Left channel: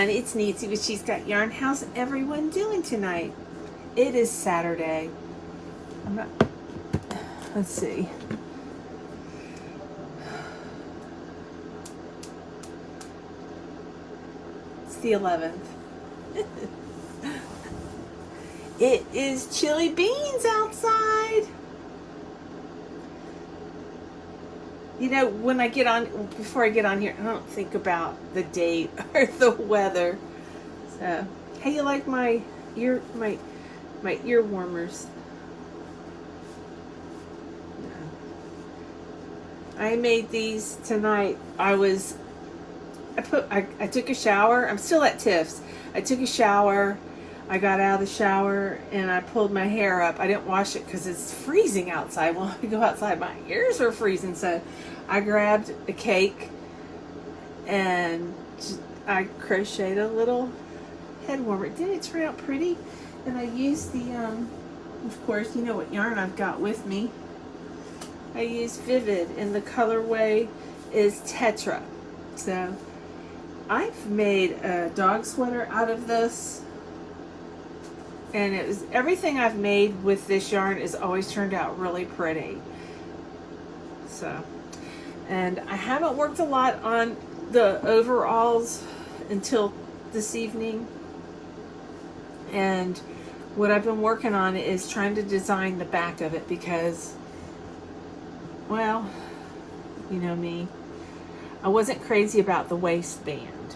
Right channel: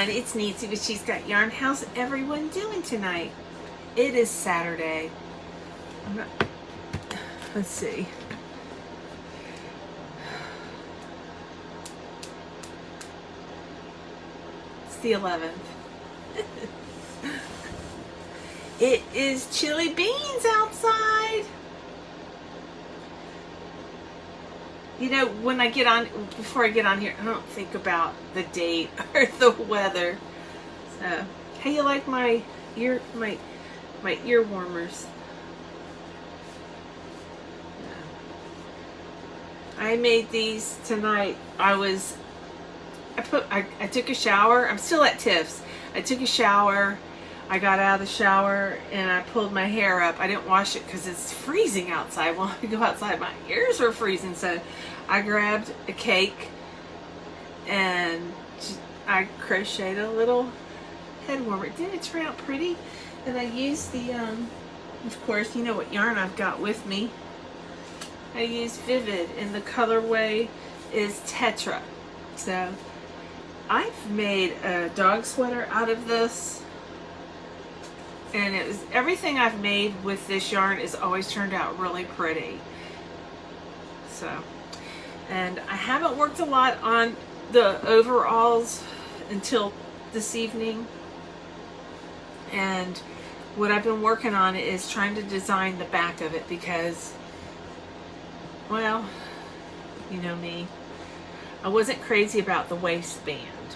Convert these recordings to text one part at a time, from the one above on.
everyone, it's Nancy with She's Got Yarn. How's everyone doing tonight? It is Saturday. Let's see. It's the 11th. It is chili beans outside. You know, when I get on, before I get on here, I don't think about the date or the weather. So, how you like my ear warmers? No. I made these tonight. I took a shower. I'm still at Tiff's. I took a shower. I got out of the shower and I pulled my hair up. I didn't wash it because it's freezing outside. When I go outside, my ears were freezing. So I grabbed a cake and I crocheted a little head warmer. Didn't it turn out pretty? And I used the, of course, you know what yarn I've got with me. I used Vivid and the colorway is Tetra. So I've made a dog sweater out of this. And it was everything I've made with this yarn is always turned out really pretty. So, and I haven't worked a lot on the overalls until this evening. And what I've been working on is trying to design the back of it because, well, you know me, I wasn't crazy about the waistband.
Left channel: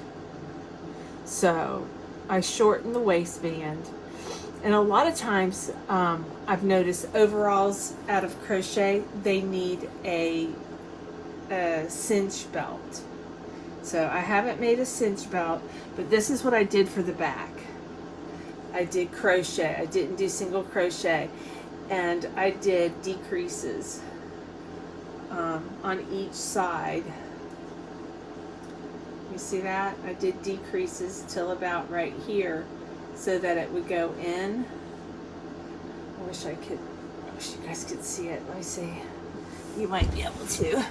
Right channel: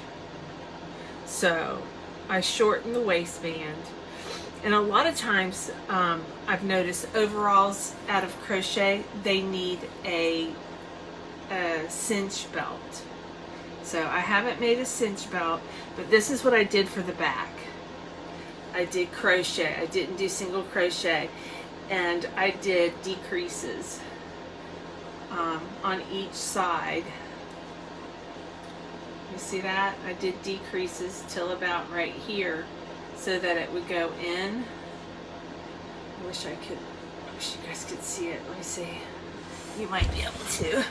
So I shortened the waistband. And a lot of times, I've noticed overalls out of crochet, they need a cinch belt. So I haven't made a cinch belt, but this is what I did for the back. I did crochet. I didn't do single crochet. And I did decreases on each side. You see that? I did decreases till about right here, so that it would go in. I wish you guys could see it. Let me see. You might be able to.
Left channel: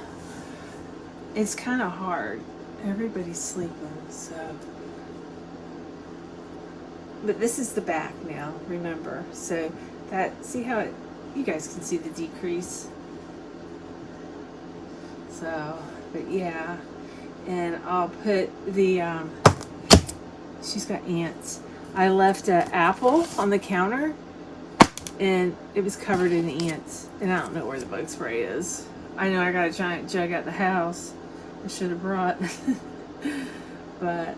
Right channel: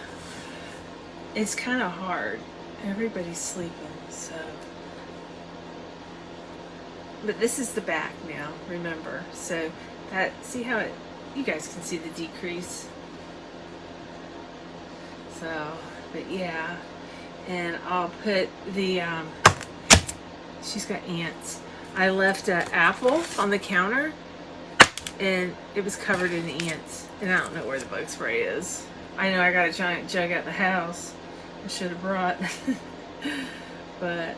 It's kind of hard. Everybody's sleeping, so. But this is the back now, remember. So that, see how it, you guys can see the decrease. So, but yeah. And I'll put the, she's got ants. I left an apple on the counter and it was covered in ants. And I don't know where the bug spray is. I know I got a giant jug at the house. I should have brought. But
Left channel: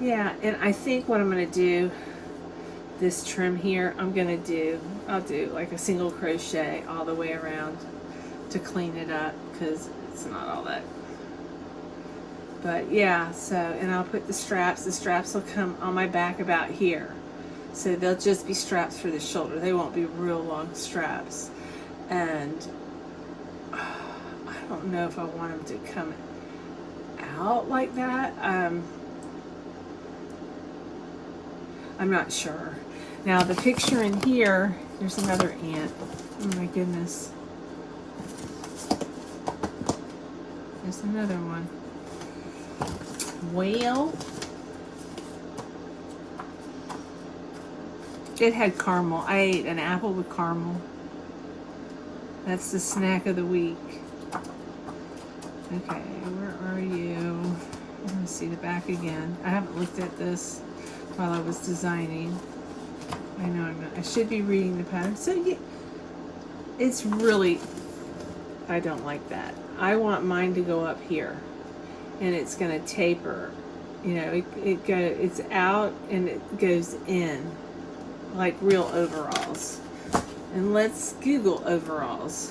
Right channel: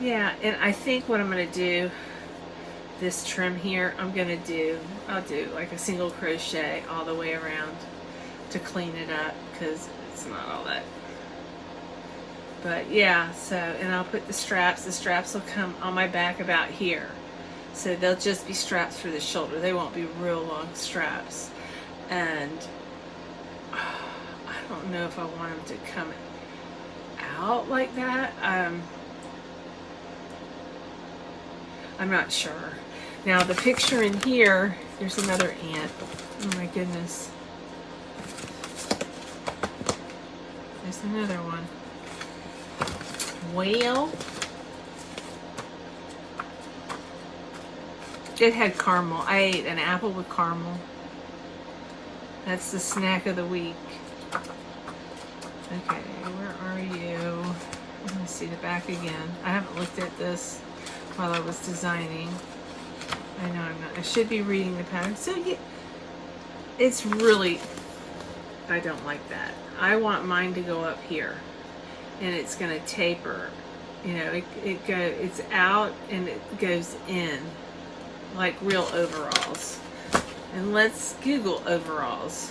yeah, and I think what I'm going to do, this trim here, I'll do like a single crochet all the way around to clean it up because it's not all that. But yeah, so, and I'll put the straps. The straps will come on my back about here. So they'll just be straps for the shoulder. They won't be real long straps. And I don't know if I want them to come out like that. I'm not sure. Now the picture in here, there's another ant. Oh my goodness. There's another one. Well, it had caramel. I ate an apple with caramel. That's the snack of the week. Okay, where are you? Let me see the back again. I haven't looked at this while I was designing. I know I'm not. I should be reading the pattern. So yeah, it's really, I don't like that. I want mine to go up here. And it's going to taper, you know, it's out and it goes in like real overalls. And let's Google overalls.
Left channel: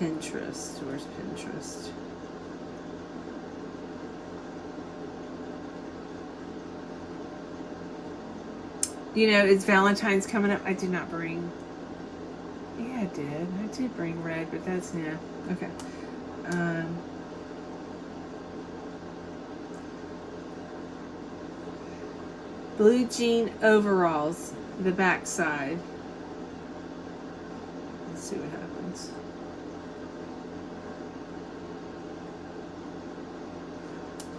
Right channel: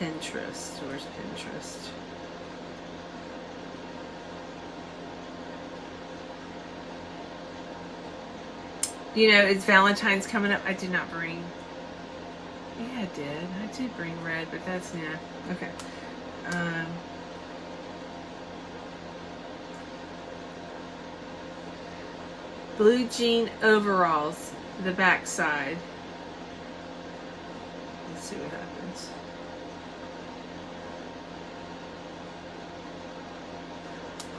Pinterest, where's Pinterest? You know, it's Valentine's coming up. I did not bring. Yeah, I did. I did bring red, but that's not. Okay. Blue jean overalls, the back side. Let's see what happens.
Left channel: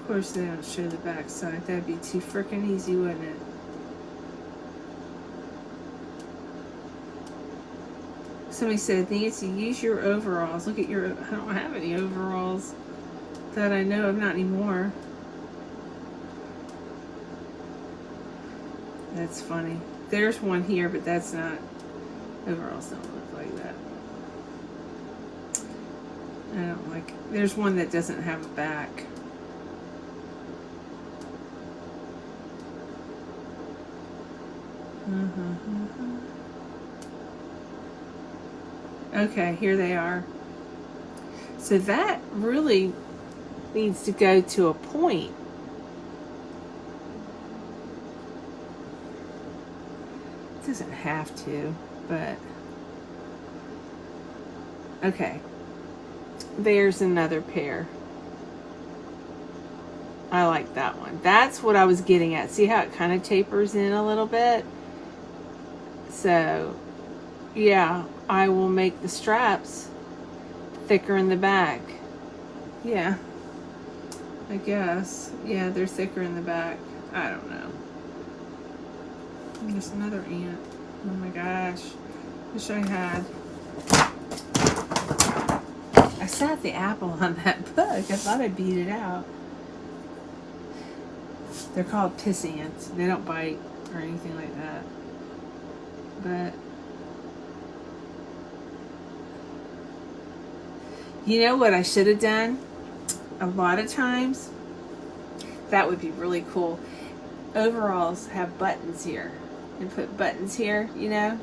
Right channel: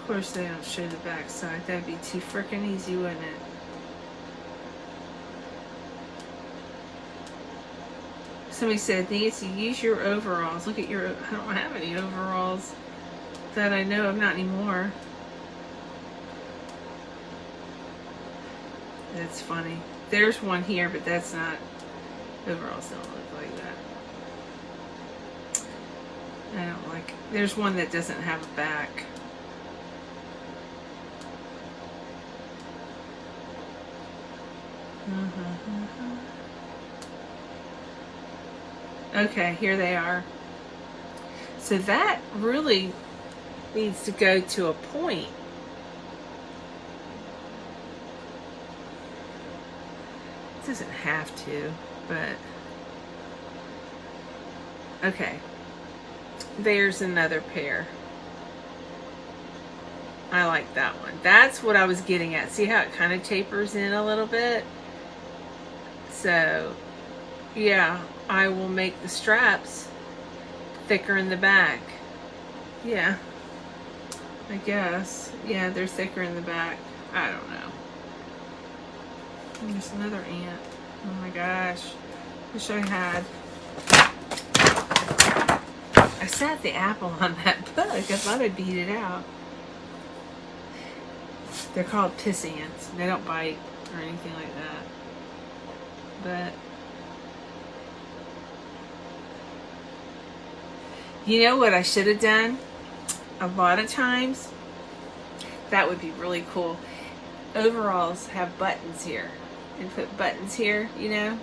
Of course they don't show the back side. That'd be too frickin' easy, wouldn't it? Somebody said, Nancy, use your overalls. Look at your, I don't have any overalls that I know of, not anymore. That's funny. There's one here, but that's not, overalls don't look like that. I don't like, there's one that doesn't have a back. Okay, here they are. So that really needs to go to a point. It doesn't have to, but okay. There's another pair. I like that one. That's what I was getting at. See how it kind of tapers in a little bit? So, yeah, I will make the straps thicker in the back. Yeah, I guess. Yeah, they're thicker in the back. I don't know. And there's another ant. Oh my gosh. Wish I had. I set the apple on that book. I thought I'd beat it out. They're called piss ants. They don't bite or anything like that. But you know what I should have done? A lot of times, that would be really cool. Overalls have buttons here. And put buttons here, you know?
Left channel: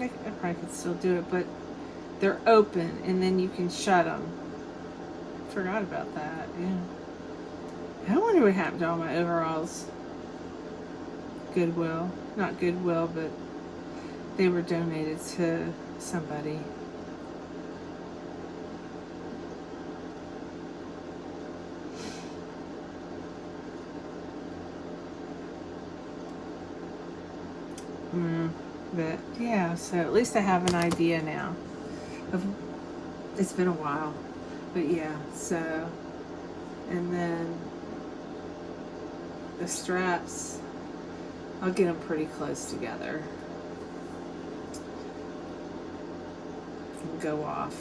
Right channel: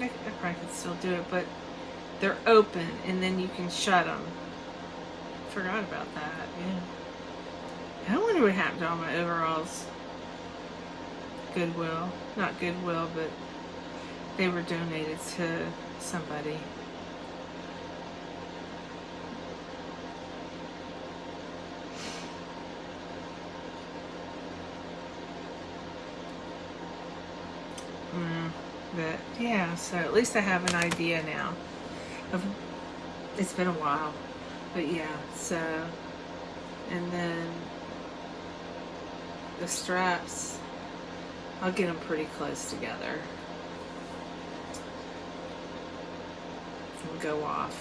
I probably could still do it, but they're open and then you can shut them. Forgot about that, yeah. I wonder what happened to all my overalls. Goodwill. Not Goodwill, but they were donated to somebody. But yeah, so at least I have an idea now. It's been a while, but yeah, so, and then the straps, I'll get them pretty close together and go off.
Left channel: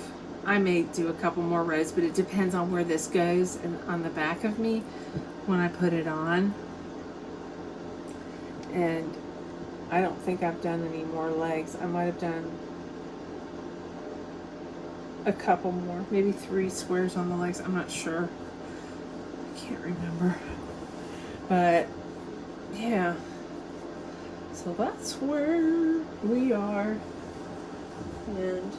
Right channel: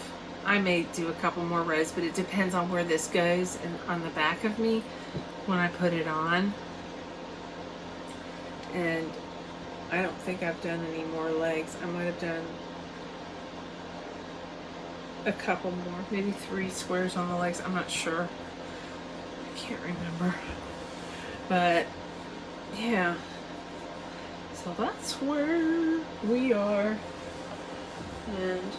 I may do a couple more rows, but it depends on where this goes and on the back of me when I put it on. And I don't think I've done any more legs. I might have done a couple more, maybe 3 squares on the legs. I'm not sure. I can't remember. But yeah. So that's where we are. And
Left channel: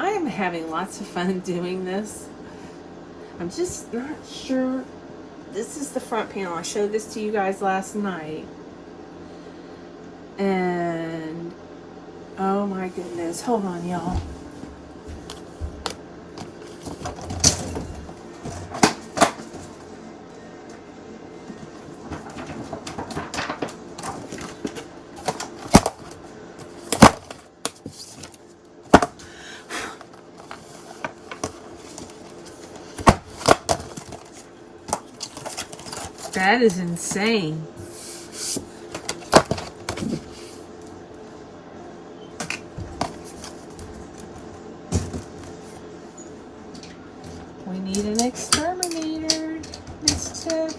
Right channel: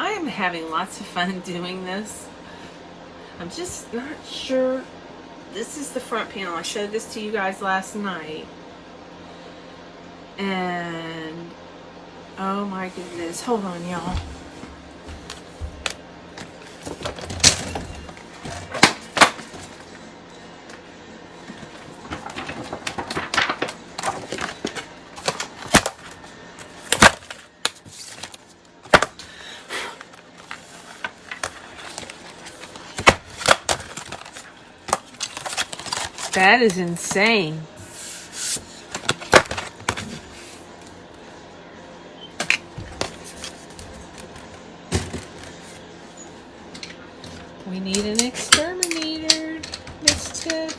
I am having lots of fun doing this. I'm just not sure. This is the front panel. I showed this to you guys last night. And oh my goodness, hold on y'all. That is insane. We need an exterminator, Miss Tiff.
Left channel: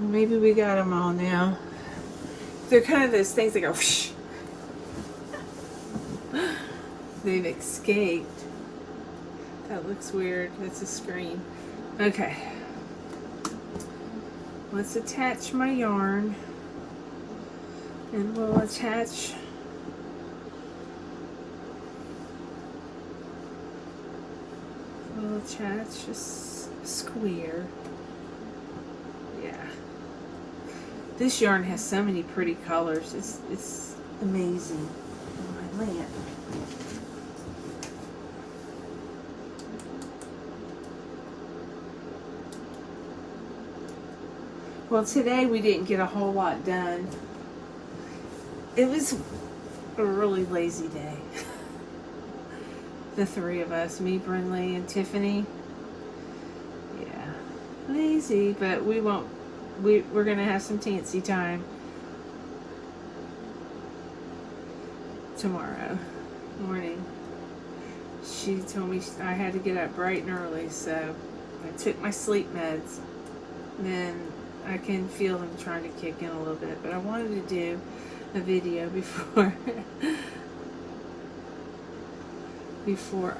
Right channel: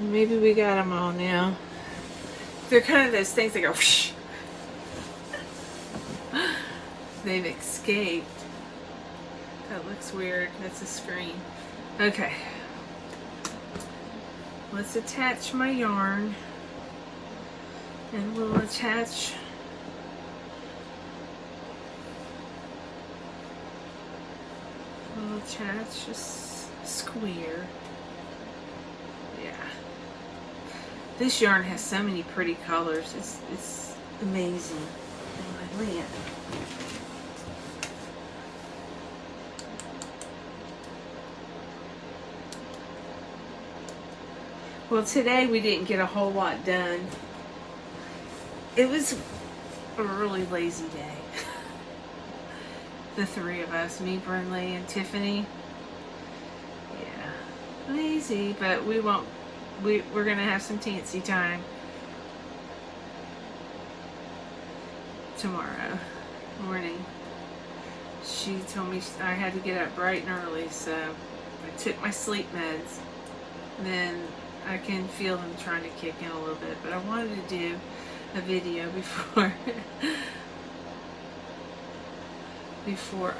Maybe we got them all now. They're kind of those things that go whoosh. They've escaped. That looks weird. That's a screen. Okay. Let's attach my yarn. And we'll attach a square. Yeah. This yarn has so many pretty colors. It's amazing. Oh, my lamp. Well, today we didn't get a whole lot done. It was a really lazy day. The three of us, me, Brinley, and Tiffany. Yeah, lazy, but we won't. We're gonna have some teensy time tomorrow morning. She told me I had to get up bright and early, so I took my sleep meds. Then I can feel them trying to kick in a little bit, but I wanted to do a video before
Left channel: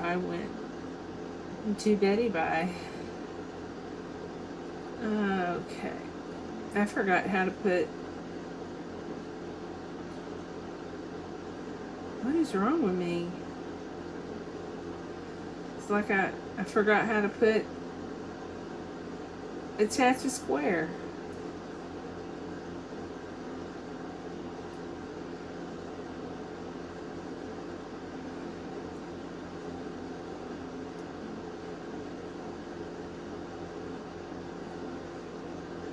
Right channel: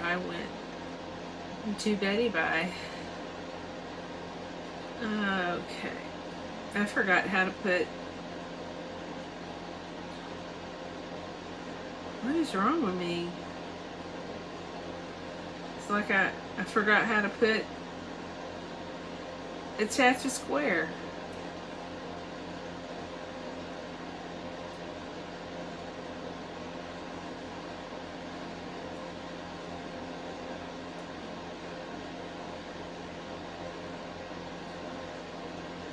I went to Betty Bye. Okay, I forgot how to put. What is wrong with me? It's like I forgot how to attach a square.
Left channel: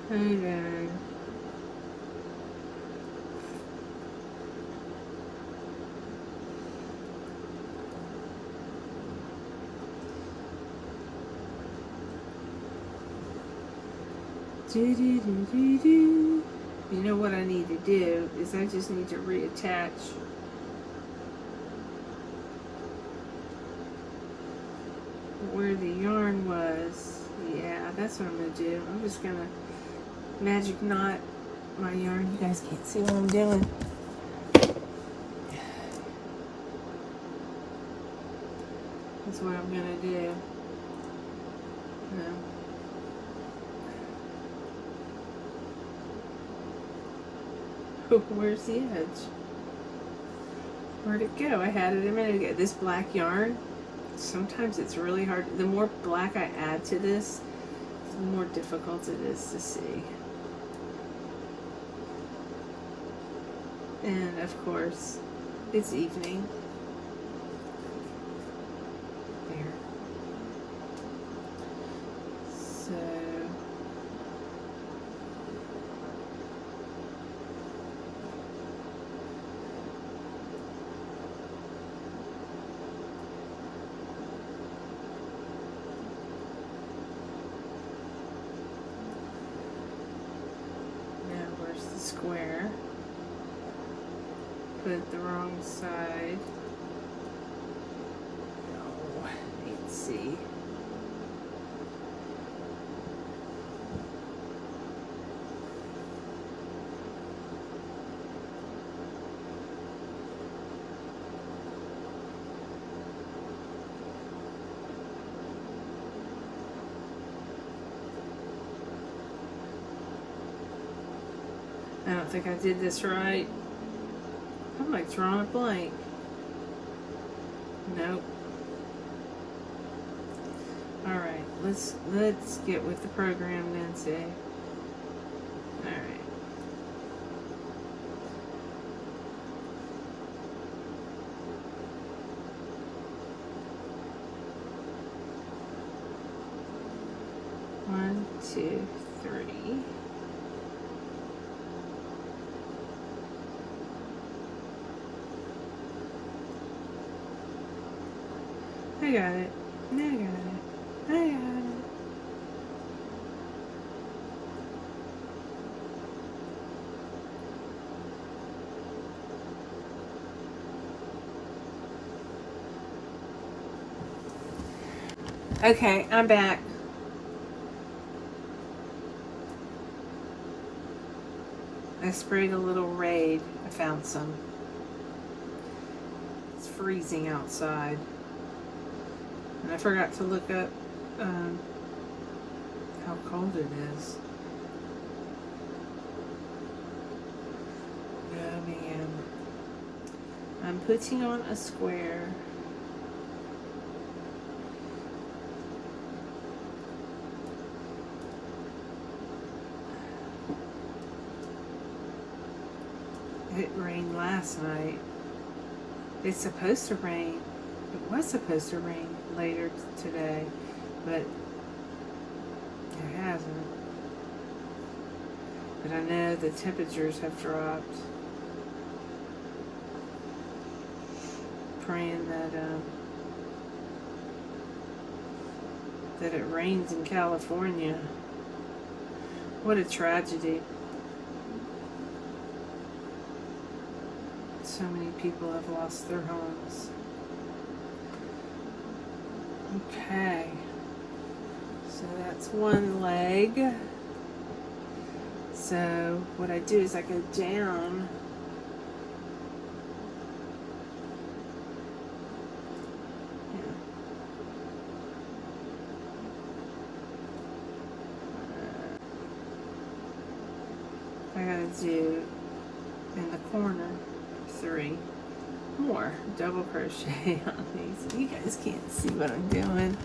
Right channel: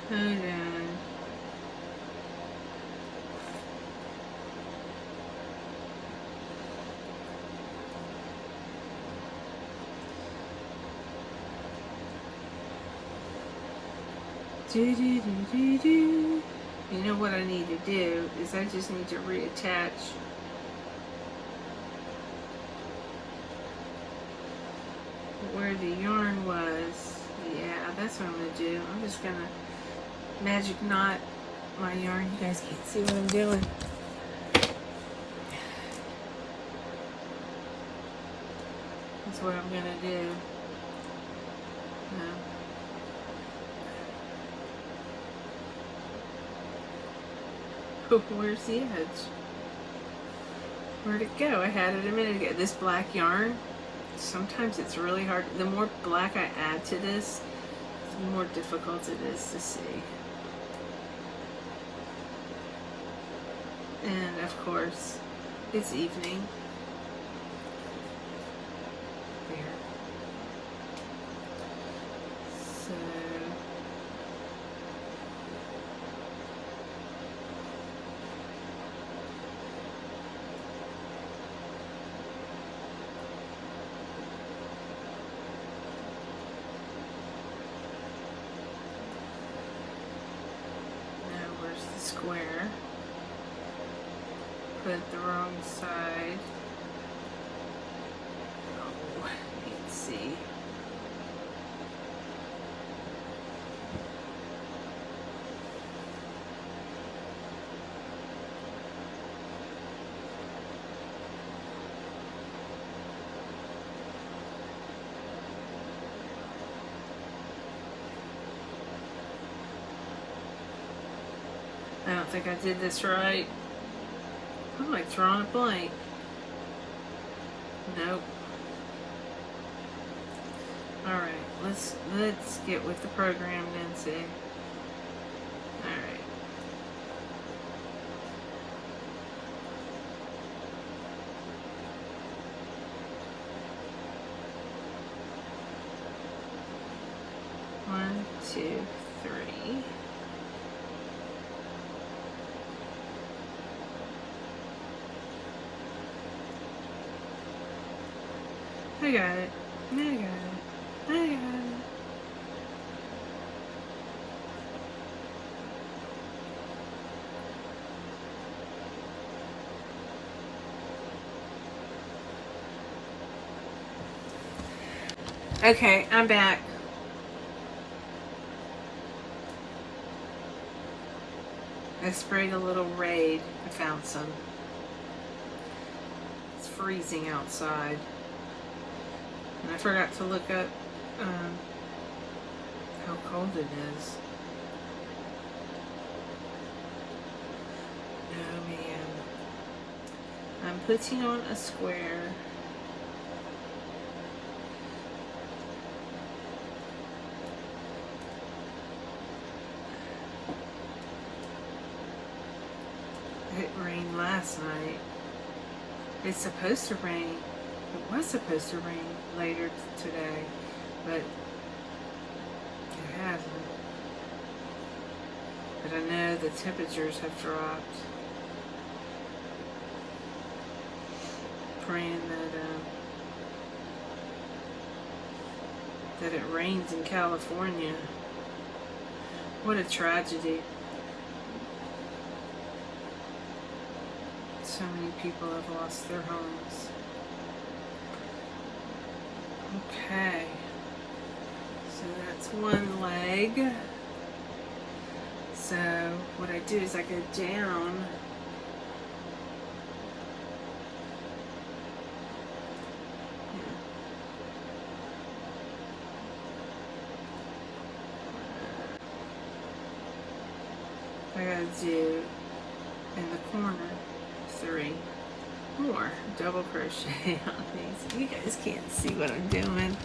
Hold on. You know what I need to do is I just need to reattach where the yarn was. Yeah, that's what I'm going to do. I'm just going to magic knot my yarn. You guys can't see what I'm doing. That's what I'm going to do. Where's the edge? Where'd it go? I had it a minute ago. This black yarn, sometimes it's really hard. The more black I add to this, the more difficult it is to see. And of course, it's evening. There. So square, put the wrong side. Oh, let's see. I don't think I did this right. I'm like drawing a blank. Nope. Alright, let's get with the program, Nancy. Alright. One, two, three. I got it. I got it. I got it. Okay, I'm back. I sprayed a little Raid. I found some. It's freezing outside. And I forgot to look up how cold it is. Oh man. I'm putting on a square. rain last night. It's supposed to rain. It was supposed to rain later today, but it hasn't. But I know the temperatures have dropped. Praying that it rains in California. What a tragedy. So many people have lost their homes. Okay. So that's one leg. So what I do is I go down. I gotta do in the corner 3 more double crochet on these. You guys can't see what I'm doing.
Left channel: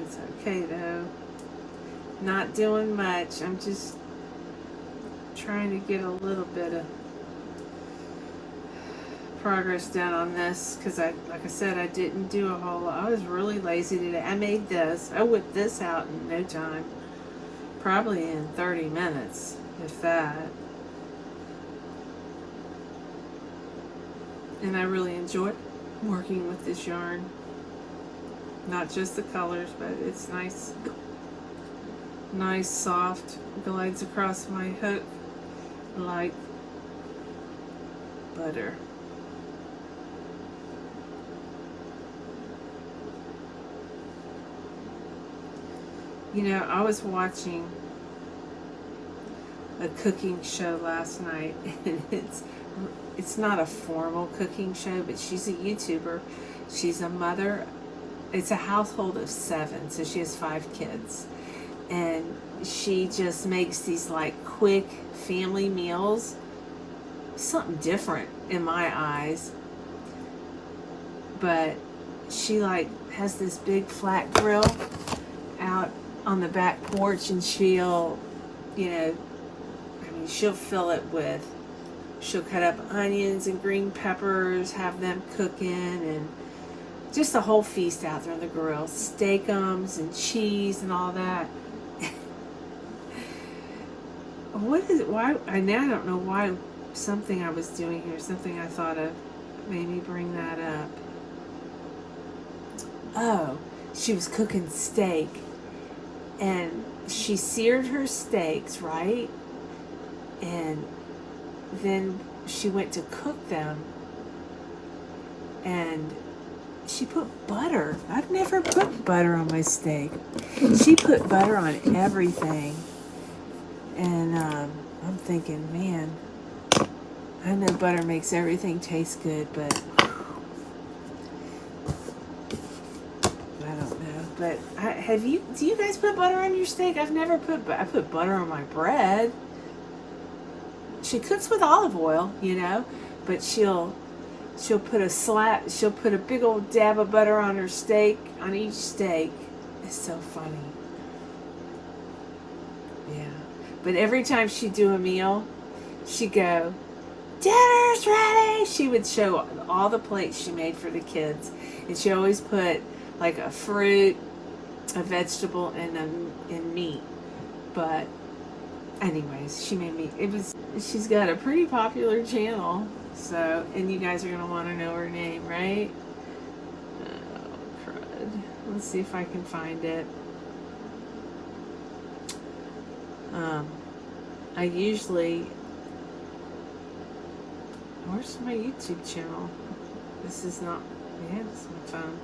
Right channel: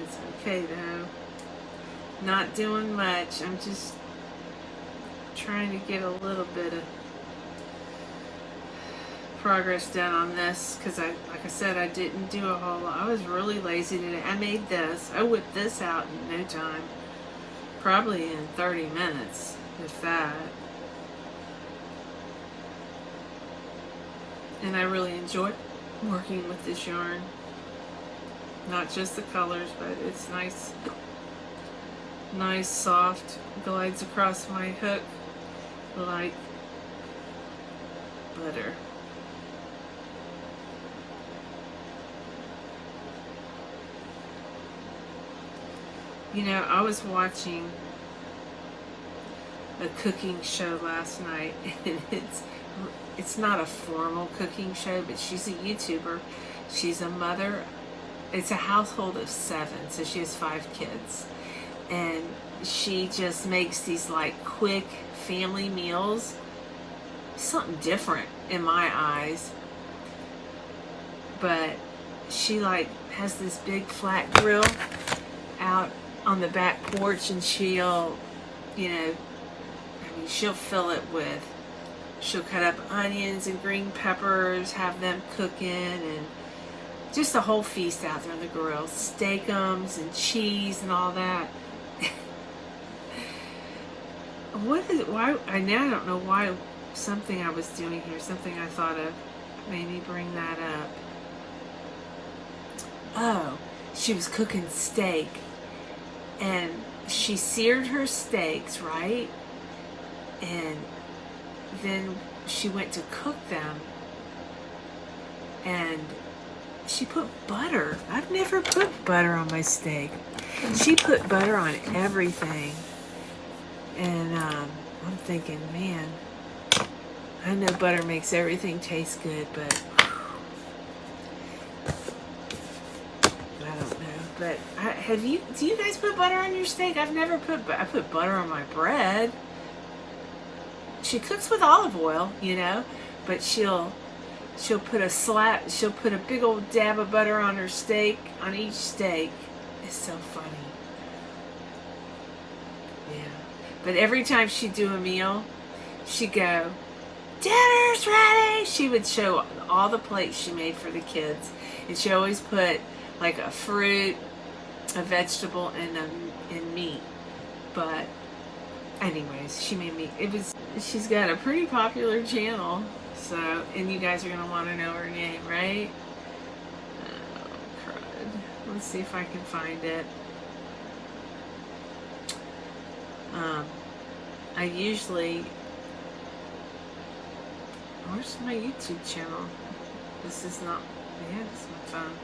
It's okay though. Not doing much. I'm just trying to get a little bit of progress done on this because like I said, I didn't do a whole lot. I was really lazy today. I made this. I whipped this out in no time. Probably in 30 minutes, if that. And I really enjoy working with this yarn. Not just the colors, but it's nice, soft, glides across my hook like butter. You know, I was watching a cooking show last night, and it's not a formal cooking show, but she's a YouTuber. She's a mother. It's a household of 7, so she has 5 kids. And she just makes these like quick family meals. Something different in my eyes. But she like has this big flat grill out on the back porch, and she'll, you know, I mean, she'll fill it with, she'll cut up onions and green peppers, have them cooking, and just a whole feast out there on the grill. Steakums and cheese and all that. Why, I don't know why something I was doing here, something I thought of made me bring that up. Oh, she was cooking steak. And she seared her steaks, right? And then she went to cook them. And she put butter. I've never put butter on my steak. She put butter on everything. And I'm thinking, man, I know butter makes everything taste good, but But do you guys put butter on your steak? I've never I put butter on my bread. She cooks with olive oil, you know, but she'll put a big old dab of butter on her steak, on each steak. It's so funny. Yeah. But every time she'd do a meal, she'd go, "Dinner's ready!" She would show all the plates she made for the kids. And she always put like a fruit, a vegetable, and meat. But anyways, she made me, she's got a pretty popular channel. So, and you guys are going to want to know her name, right? Oh, crud. Let's see if I can find it. I usually, where's my YouTube channel? This is not, yeah, this is my phone.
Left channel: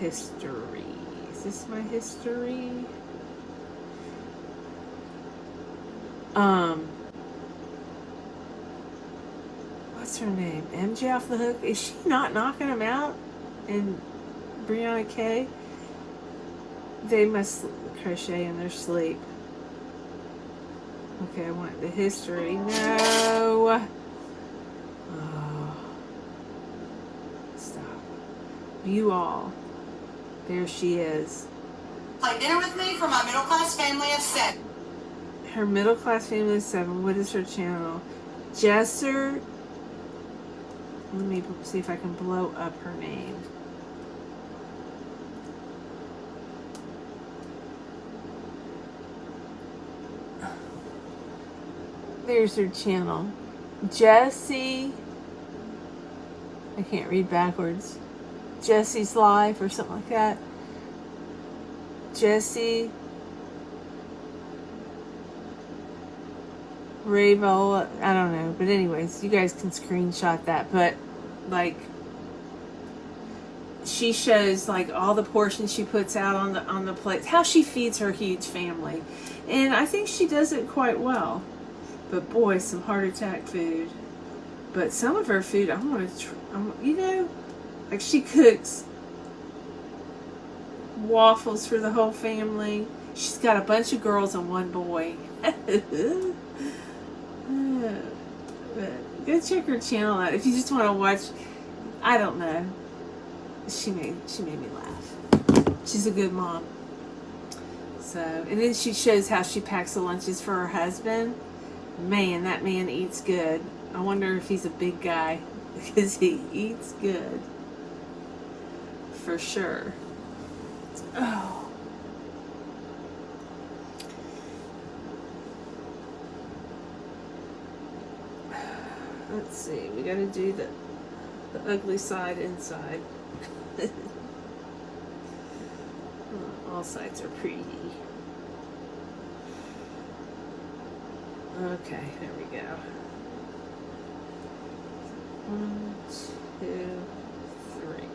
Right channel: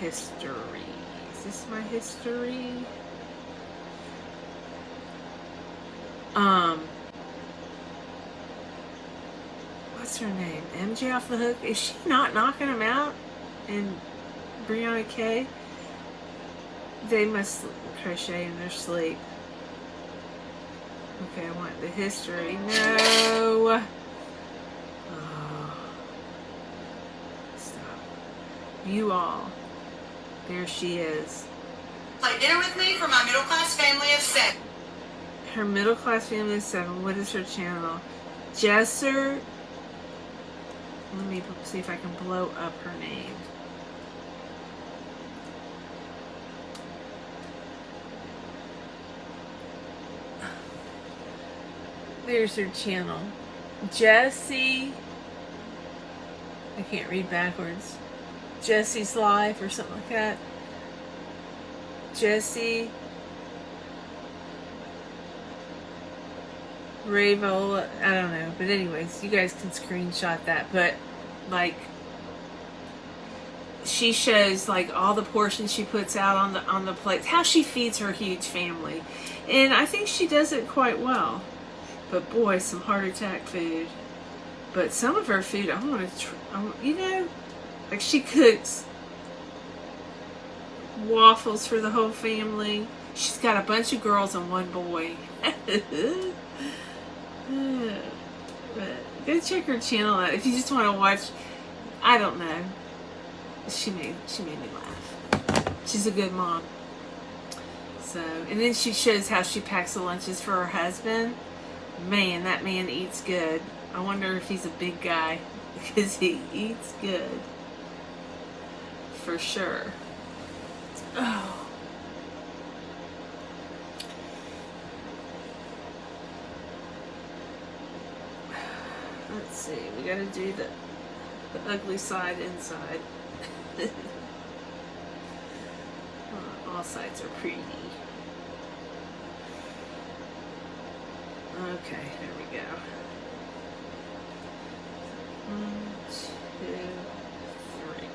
History. Is this my history? What's her name? MJ Off the Hook? Is she not knocking them out? And Brianna K? They must crochet in their sleep. Okay, I want the history. No! Oh. Stop. You all. There she is. Play dinner with me for my middle-class family of 7. Her middle class family is 7. What is her channel? Jesser. Let me see if I can blow up her name. There's her channel. Jessie. I can't read backwards. Jessie's Life or something like that. Jessie Ravola, I don't know, but anyways, you guys can screenshot that. But like, she shows like all the portions she puts out on the plate, how she feeds her huge family, and I think she does it quite well. But boy, some heart attack food. But some of her food, I want to, you know, like she cooks waffles for the whole family. She's got a bunch of girls and one boy. But go check her channel out if you just want to watch. I don't know. She made me laugh. She's a good mom. So, and then she shows how she packs the lunches for her husband. Man, that man eats good. I wonder if he's a big guy, because he eats good. For sure. Oh. Let's see, we gotta do the ugly side inside. All sides are pretty. Okay, here we go. 1, 2, 3.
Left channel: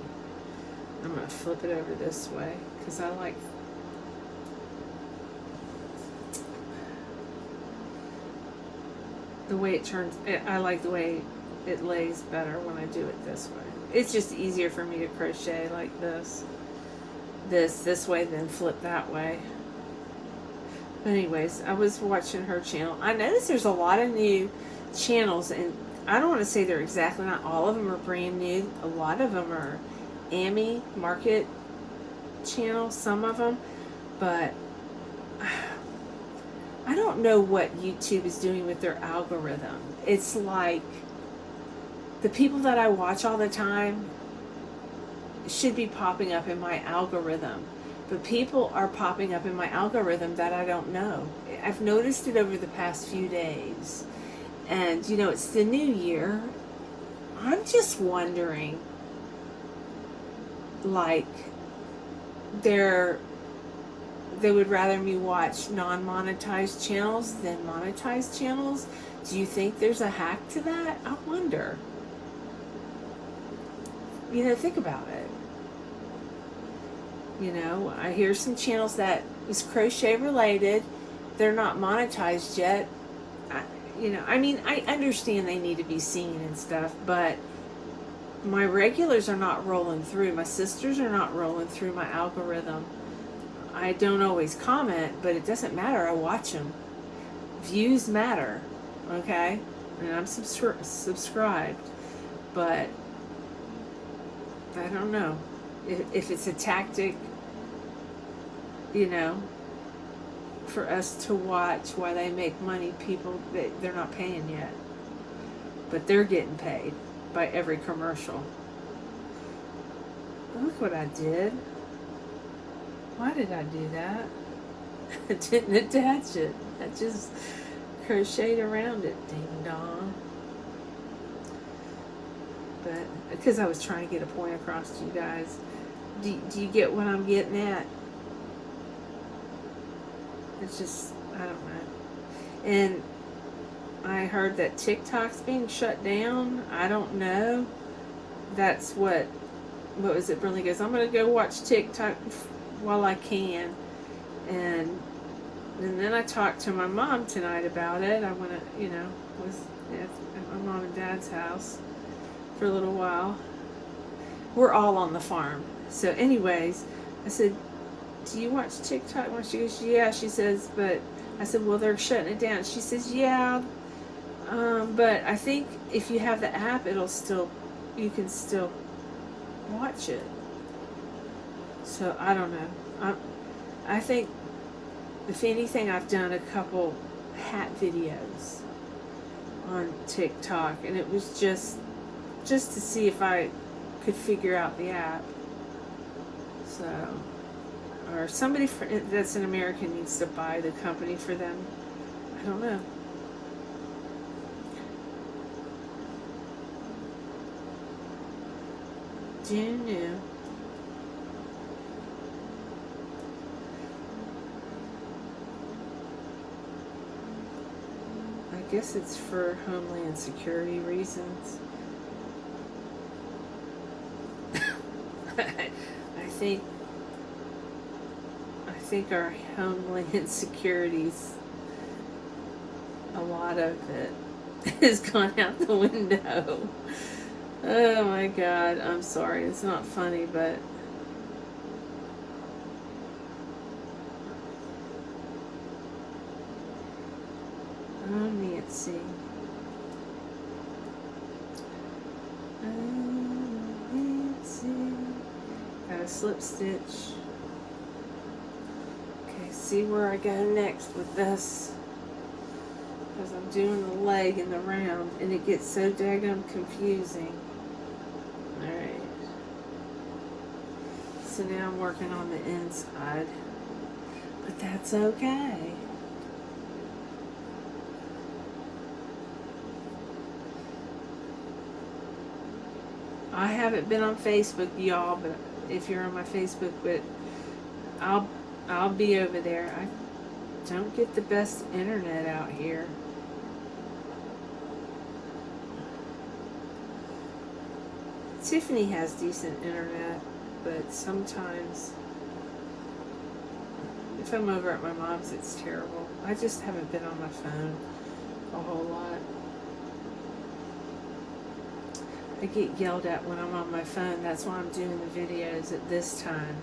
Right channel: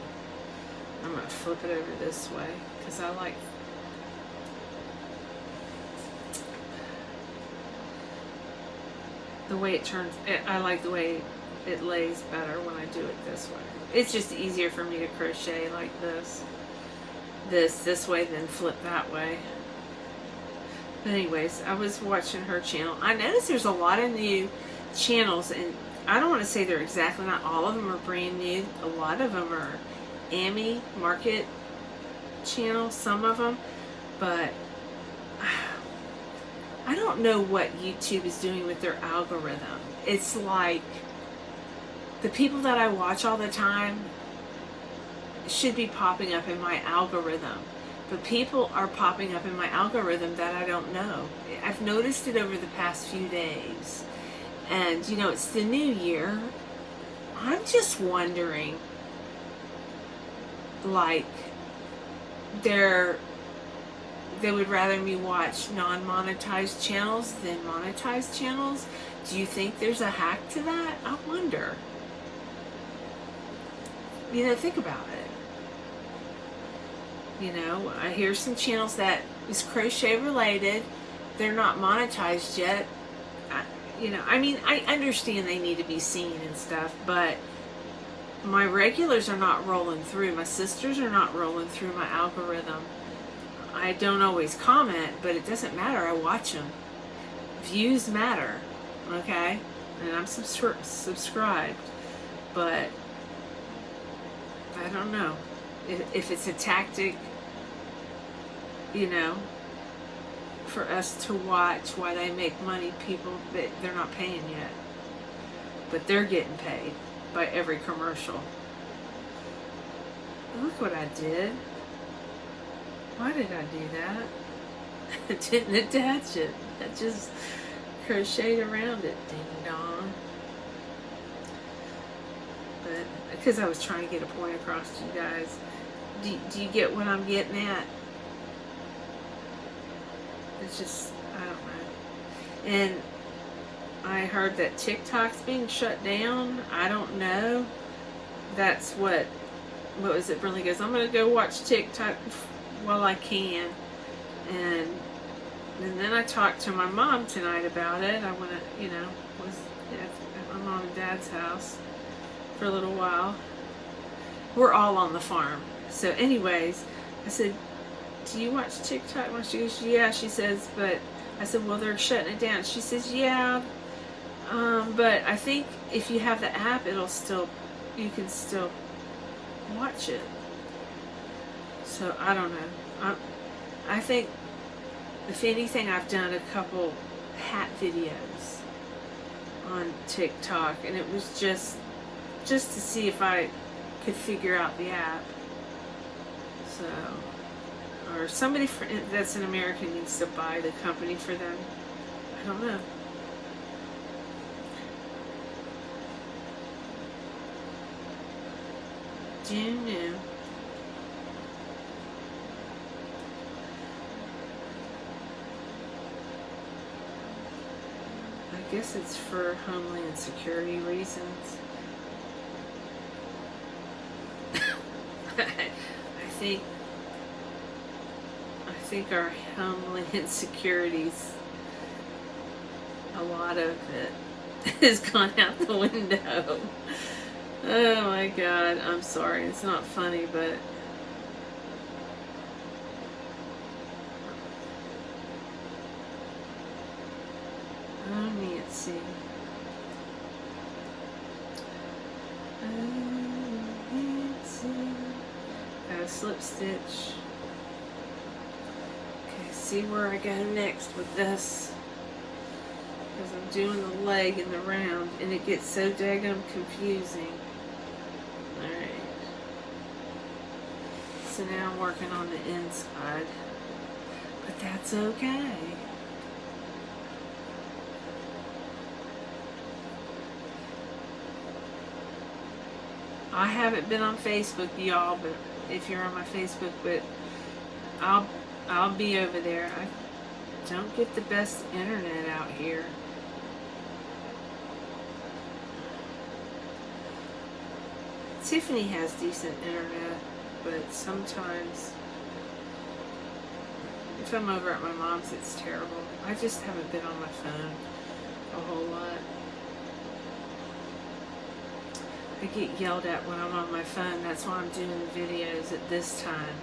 I'm going to flip it over this way because I like the way it turns. I like the way it lays better when I do it this way. It's just easier for me to crochet like this way than flip that way. But anyways, I was watching her channel. I noticed there's a lot of new channels, and I don't want to say they're exactly, not all of them are brand new. A lot of them are Amy Market channel, some of them, but I don't know what YouTube is doing with their algorithm. It's like the people that I watch all the time should be popping up in my algorithm, but people are popping up in my algorithm that I don't know. I've noticed it over the past few days, and you know, it's the new year. I'm just wondering, like, they would rather me watch non-monetized channels than monetized channels. Do you think there's a hack to that? I wonder. You know, think about it. You know, I hear some channels that is crochet related. They're not monetized yet. I understand they need to be seen and stuff, but my regulars are not rolling through. My sisters are not rolling through my algorithm. I don't always comment, but it doesn't matter. I watch them. Views matter, okay? And I'm subscribed, but I don't know if it's a tactic, you know, for us to watch while they make money. People, they're not paying yet, but they're getting paid by every commercial. Look what I did. Why did I do that? I didn't attach it. I just crocheted around it. Ding dong. But because I was trying to get a point across to you guys. Do you get what I'm getting at? It's just, I don't know. And I heard that TikTok's being shut down. I don't know. That's what was it? Brinley goes, I'm going to go watch TikTok while I can. And then I talked to my mom tonight about it. I went, was at my mom and dad's house for a little while. We're all on the farm. So anyways, I said, do you watch TikTok? And she goes, yeah. She says, but I said, well, they're shutting it down. She says, yeah. But I think if you have the app, you can still watch it. So I don't know. I think if anything, I've done a couple hat videos on TikTok, and it was just to see if I could figure out the app. So, or somebody that's an American needs to buy the company for them. I don't know. Do you know? I guess it's for homeland security reasons. I think our homeland security's, a lot of it has gone out the window. Oh my God, I'm sorry, it's not funny, but oh, Nancy. Oh, Nancy. Got a slip stitch. Okay, see where I go next with this. Because I'm doing the leg and the round, and it gets so daggum confusing. Alright. So now I'm working on the inside. But that's okay. I haven't been on Facebook, y'all, but if you're on my Facebook, but I'll be over there. I don't get the best internet out here. Tiffany has decent internet, but sometimes if I'm over at my mom's, it's terrible. I just haven't been on my phone a whole lot. I get yelled at when I'm on my phone. That's why I'm doing the videos at this time.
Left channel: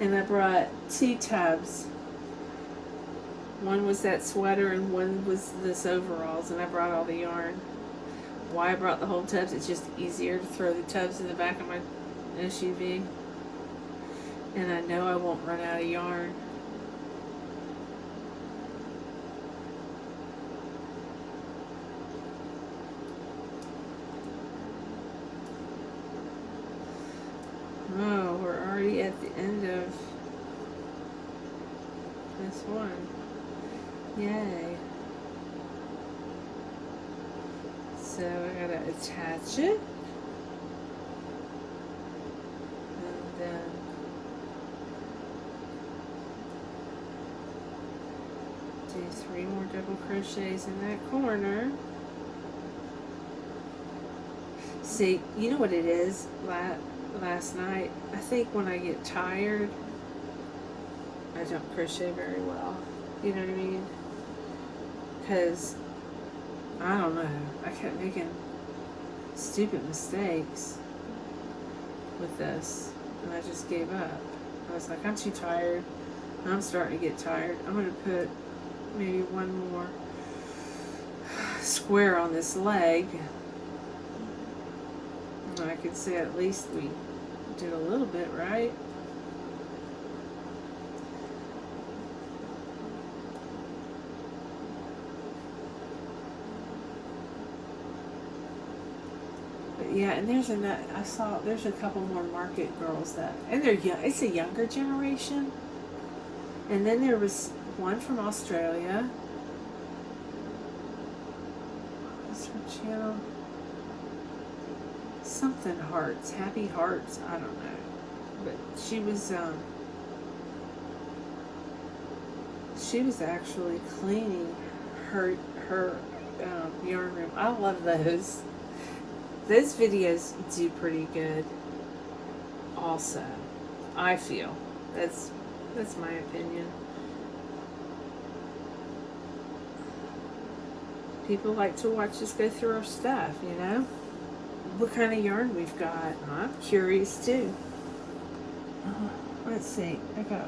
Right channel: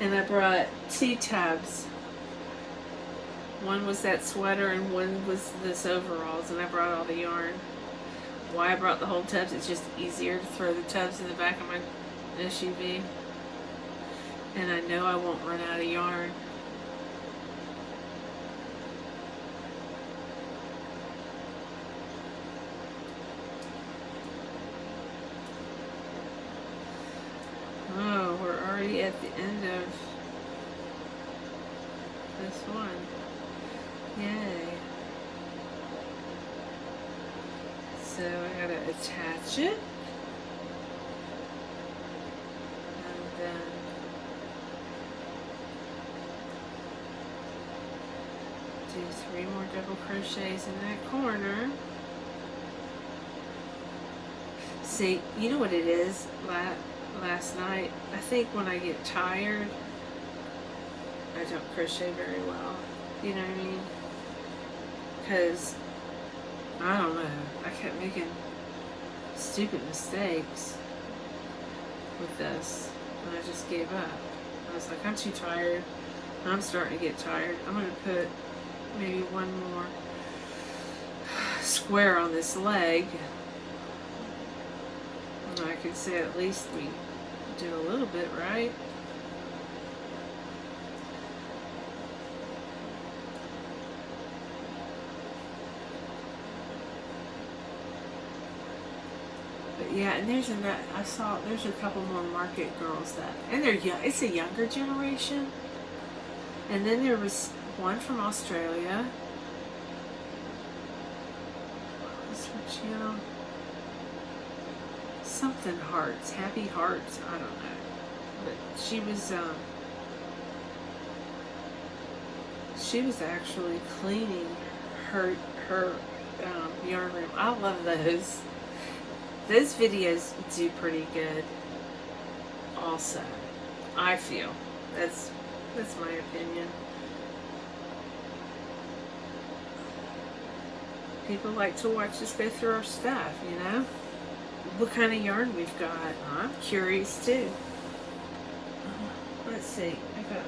And I brought 2 tubs. One was that sweater and one was this overalls, and I brought all the yarn. Why I brought the whole tubs, it's just easier to throw the tubs in the back of my SUV. And I know I won't run out of yarn. Oh, we're already at the end of this one. Yay. So I gotta attach it. And then do 3 more double crochets in that corner. See, you know what it is? Last night, I think when I get tired, I don't crochet very well. You know what I mean? Because, I don't know, I kept making stupid mistakes with this, and I just gave up. I was like, I'm too tired. I'm starting to get tired. I'm going to put maybe 1 more square on this leg. And I could say at least we did a little bit right. But yeah, and there's there's a couple more market girls that, and they're young. It's a younger generation. And then there was one from Australia. What's her channel? Something Hearts, Happy Hearts, I don't know. But she was actually cleaning her yarn room. I love those. Those videos do pretty good. Also, I feel that's my opinion. People like to watch us go through our stuff, you know. What kind of yarn we've got. I'm curious too. Let's see. I got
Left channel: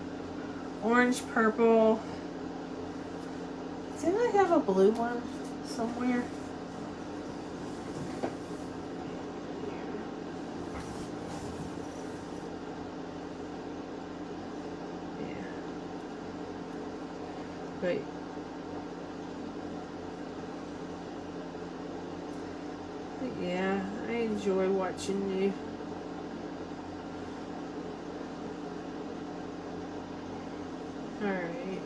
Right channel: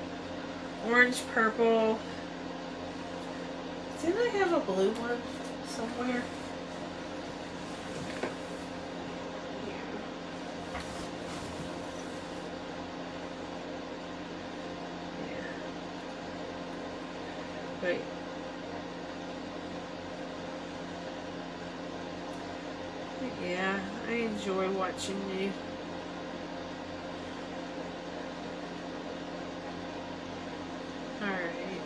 orange, purple. Didn't I have a blue one somewhere? Yeah. But yeah, I enjoy watching you. Alright.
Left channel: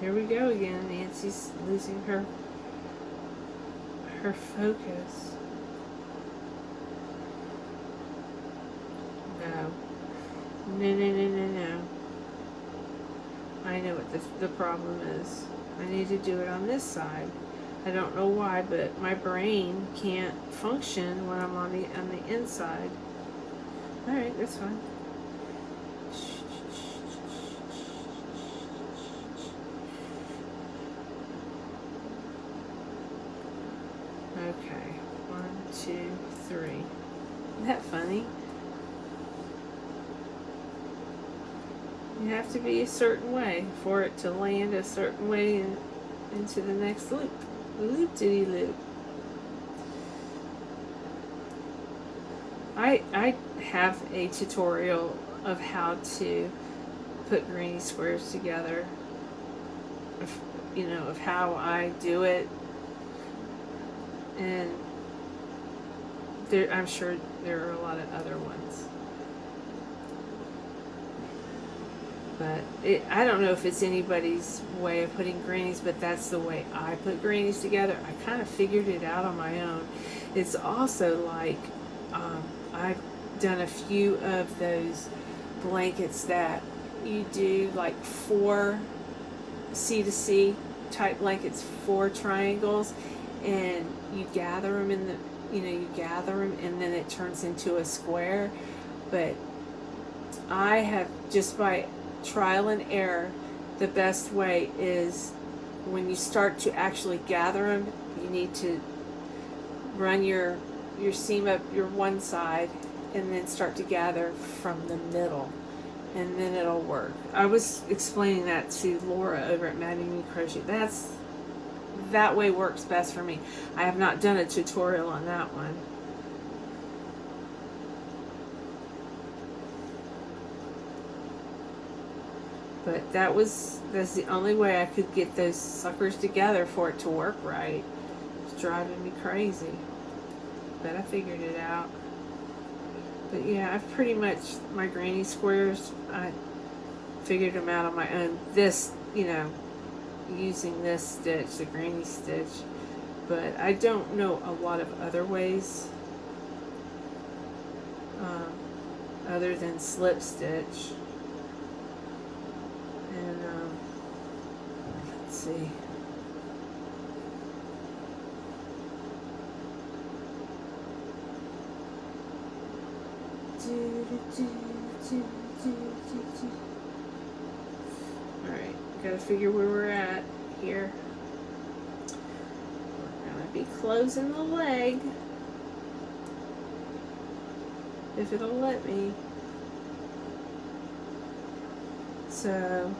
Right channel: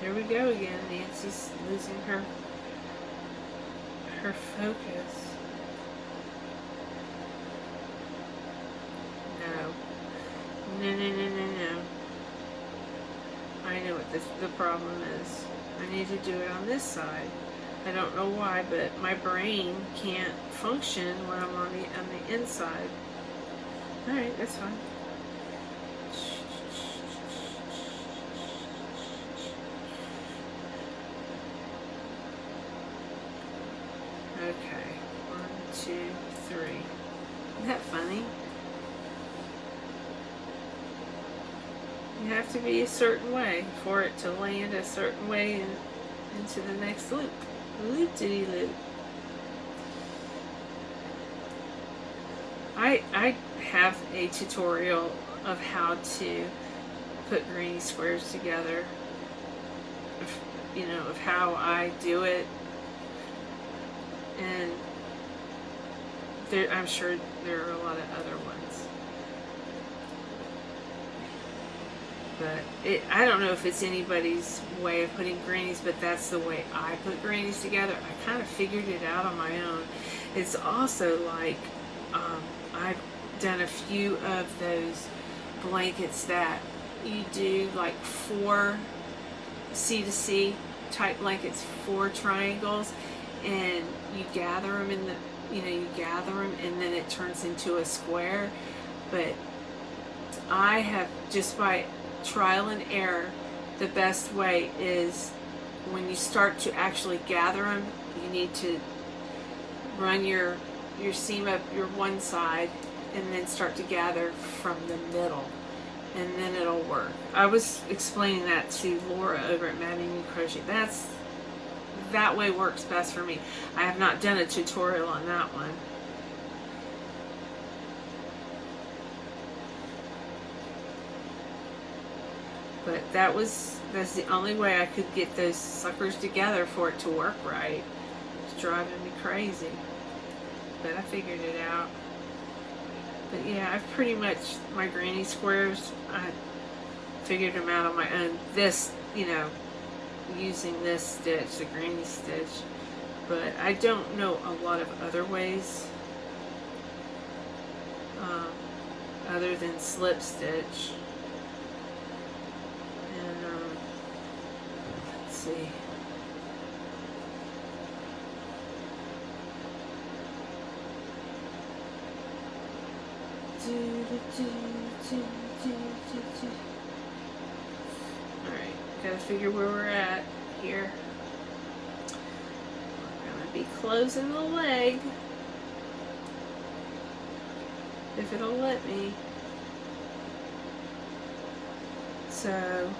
Here we go again. Nancy's losing her focus. No. No. I know what the problem is. I need to do it on this side. I don't know why, but my brain can't function when I'm on the inside. Alright, that's fine. Okay, 1, 2, 3. Isn't that funny? You have to be a certain way for it to land a certain way into the next loop. Loop-diddy-loop. I have a tutorial of how to put granny squares together. Of how I do it. And I'm sure there are a lot of other ones. But I don't know if it's anybody's way of putting grannies, but that's the way I put grannies together. I kind of figured it out on my own. It's also like I've done a few of those blankets that you do like 4 C to C type blankets, 4 triangles, and you gather them in you gather them and then it turns into a square. But I have, just by trial and error, the best way is when you start to actually gather them, you need to run your seam up your one side and then start to gather from the middle, and then it'll work. I was explaining that to Laura over at Maddie Crochet. That way works best for me. I have not done a tutorial on that one. But that's the only way I could get those suckers together for it to work right. It's driving me crazy. But I figured it out. But yeah, I've pretty much, my granny squares, I figured them out on my own. This, using this stitch, the granny stitch. But I don't know a lot of other ways other than slip stitch. And let's see. Alright, gotta figure where we're at here. We're gonna be closing the leg, if it'll let me. So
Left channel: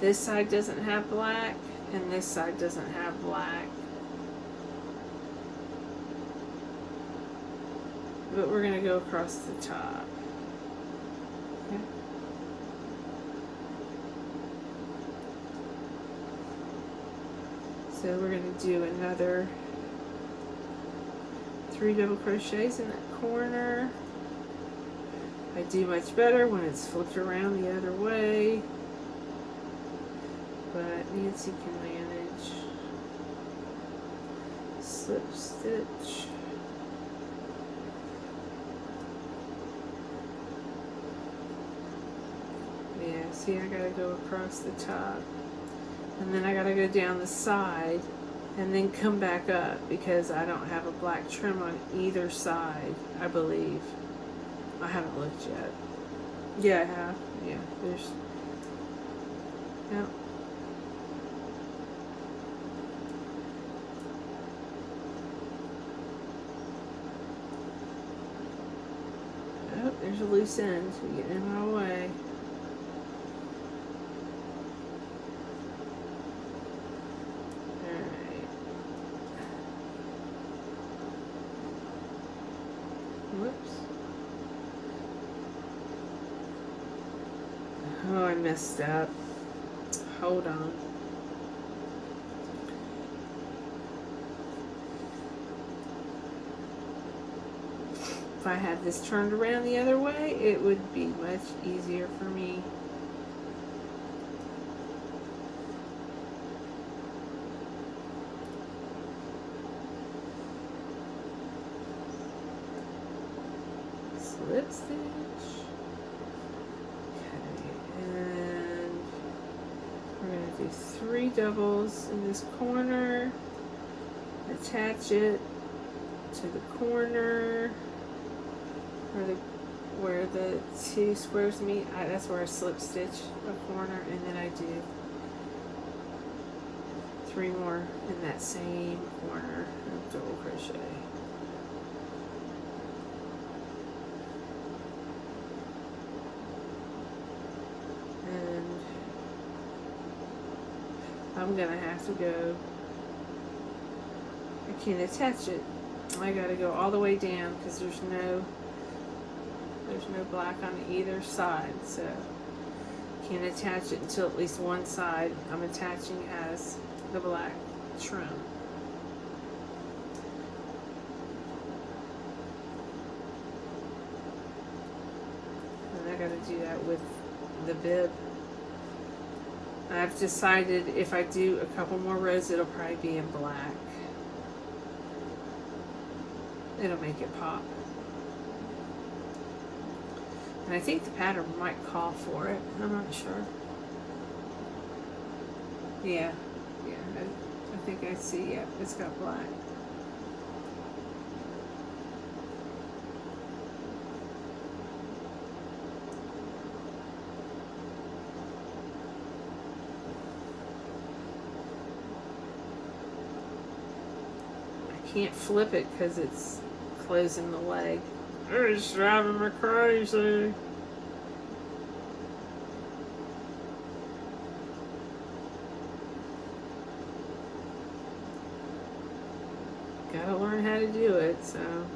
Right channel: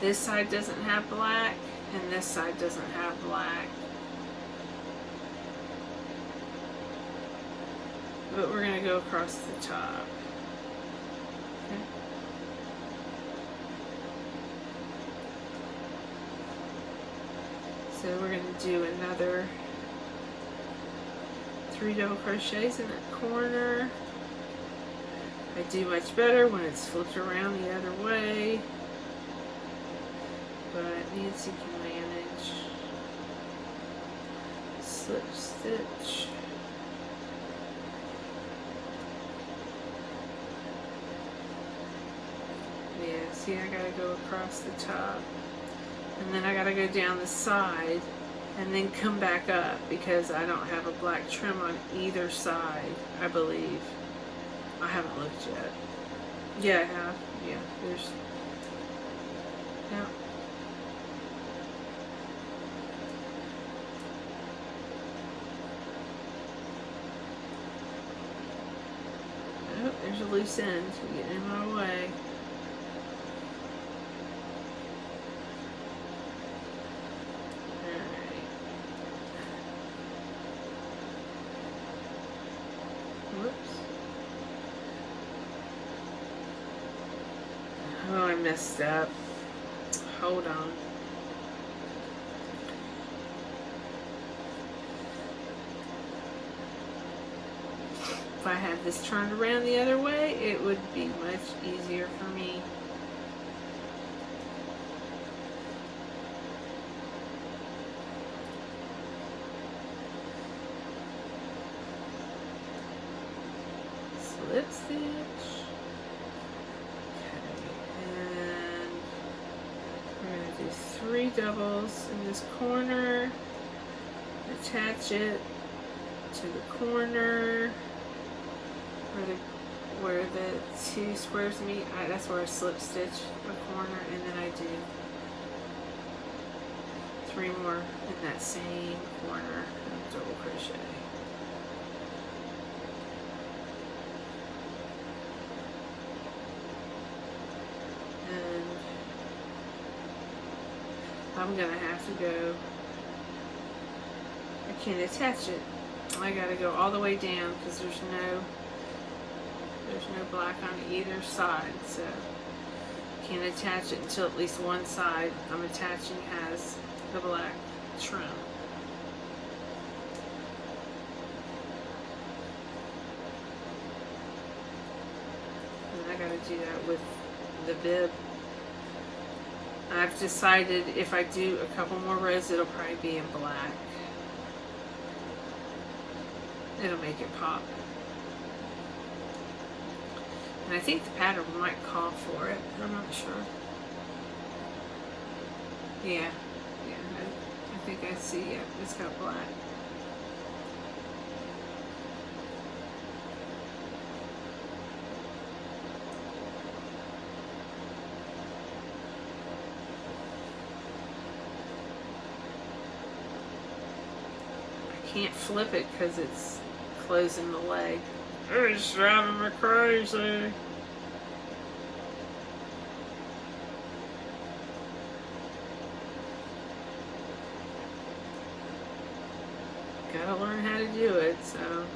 this side doesn't have black and this side doesn't have black. But we're going to go across the top. Okay. So we're going to do another 3 double crochets in that corner. I do much better when it's flipped around the other way, but Nancy can manage. Slip stitch. Yeah, see, I gotta go across the top, and then I gotta go down the side and then come back up because I don't have a black trim on either side, I believe. I haven't looked yet. Yeah, I have. Yeah, there's... Yeah. Oh, there's a loose end getting in my way. Alright. Whoops. messed up. Hold on. If I had this turned around the other way, it would be much easier for me. Slip stitch. Okay, and we're going to do 3 doubles in this corner. Attach it to the corner where the 2 squares meet. That's where I slip stitch a corner, and then I do 3 more in that same corner of double crochet. And I'm gonna have to go, I can't attach it. I gotta go all the way down because there's no black on either side, so can't attach it until at least one side I'm attaching has the black trim. And I gotta do that with the bib. I've decided if I do a couple more rows, it'll probably be in black. It'll make it pop. And I think the pattern might call for it. I'm not sure. Yeah. I think I see, yeah, it's got black. I can't flip it because it's closing the leg. It's driving me crazy. Gotta learn how to do it, so.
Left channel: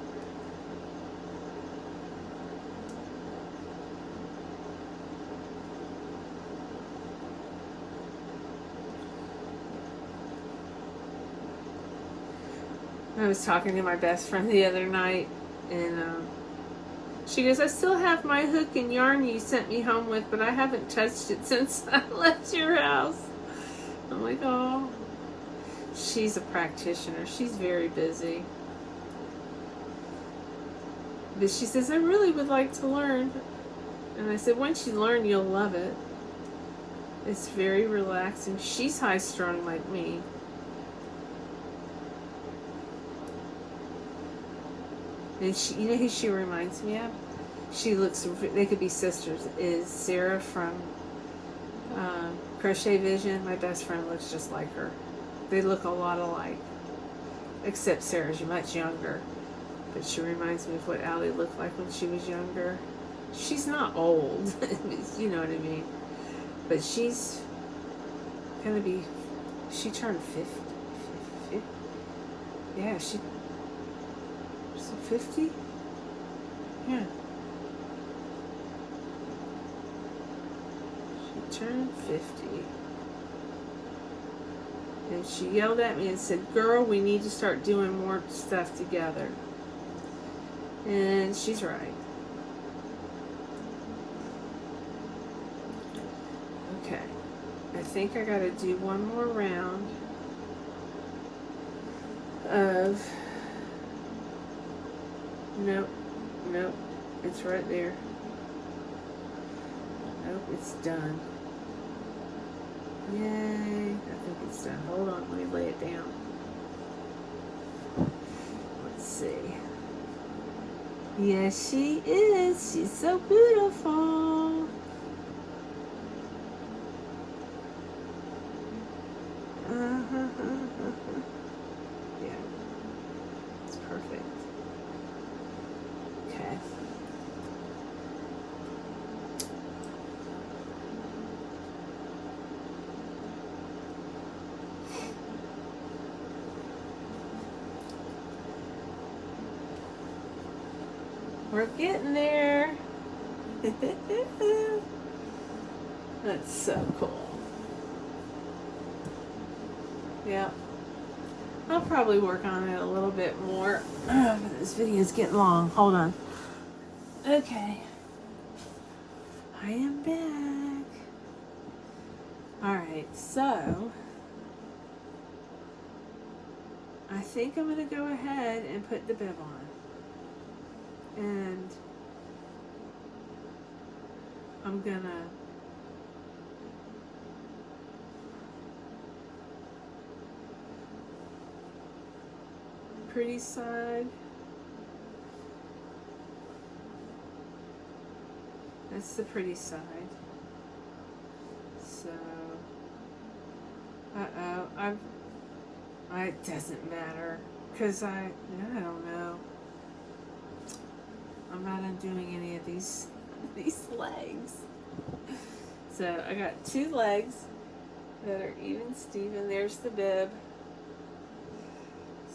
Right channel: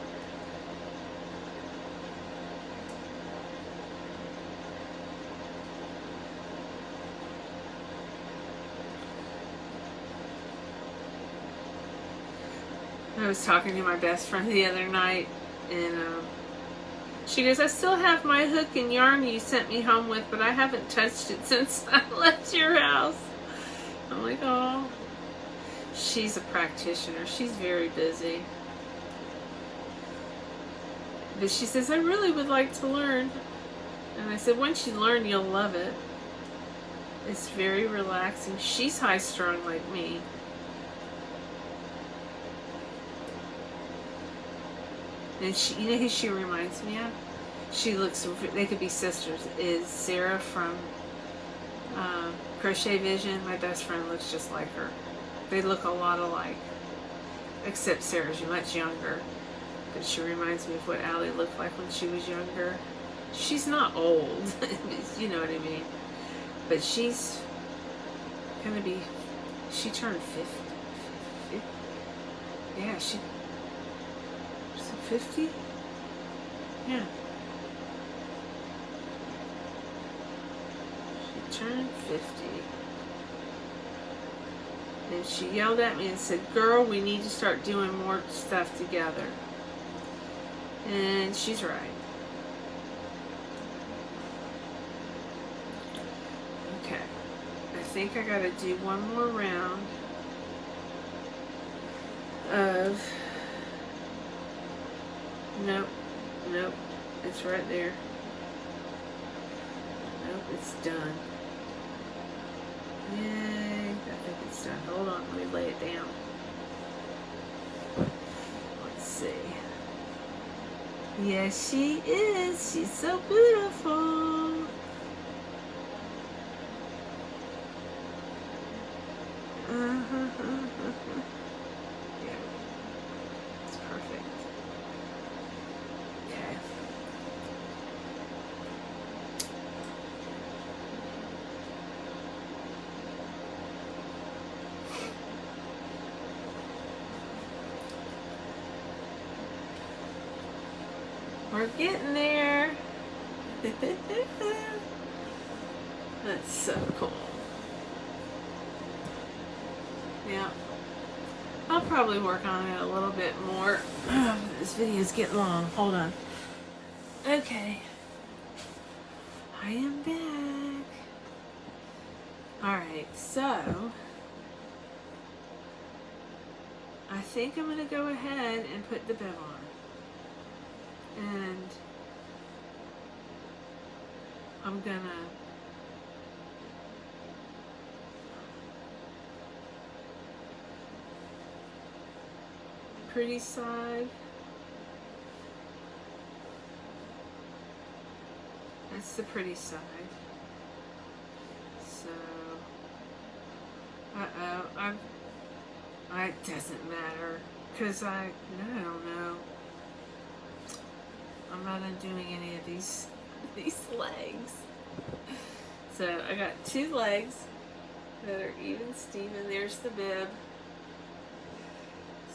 I was talking to my best friend the other night, and she goes, I still have my hook and yarn you sent me home with, but I haven't touched it since I left your house. I'm like, oh. She's a practitioner. She's very busy. But she says, I really would like to learn. And I said, once you learn, you'll love it. It's very relaxing. She's high-strung like me. And she, you know who she reminds me of? She looks, they could be sisters, is Sarah from Crochet Vision. My best friend looks just like her. They look a lot alike. Except Sarah's much younger. But she reminds me of what Allie looked like when she was younger. She's not old, you know what I mean. But she's gonna be, she turned 50. Yeah, she 50? Yeah. She turned 50. And she yelled at me and said, girl, we need to start doing more stuff together. And she's right. Okay. I think I gotta do one more round of, nope, it's right there. Nope, it's done. Yay, I think it's done. Hold on, let me lay it down. Let's see. Yes, she is. She's so beautiful. Yeah, it's perfect. Okay. We're getting there. That's so cool. Yeah. I'll probably work on it a little bit more. This video's getting long. Hold on. Okay. I am back. Alright, so I think I'm going to go ahead and put the bib on. And I'm going to pretty side. That's the pretty side. So, it doesn't matter, because I don't know. I'm not undoing any of these legs. So I got 2 legs that are even Steven. There's the bib.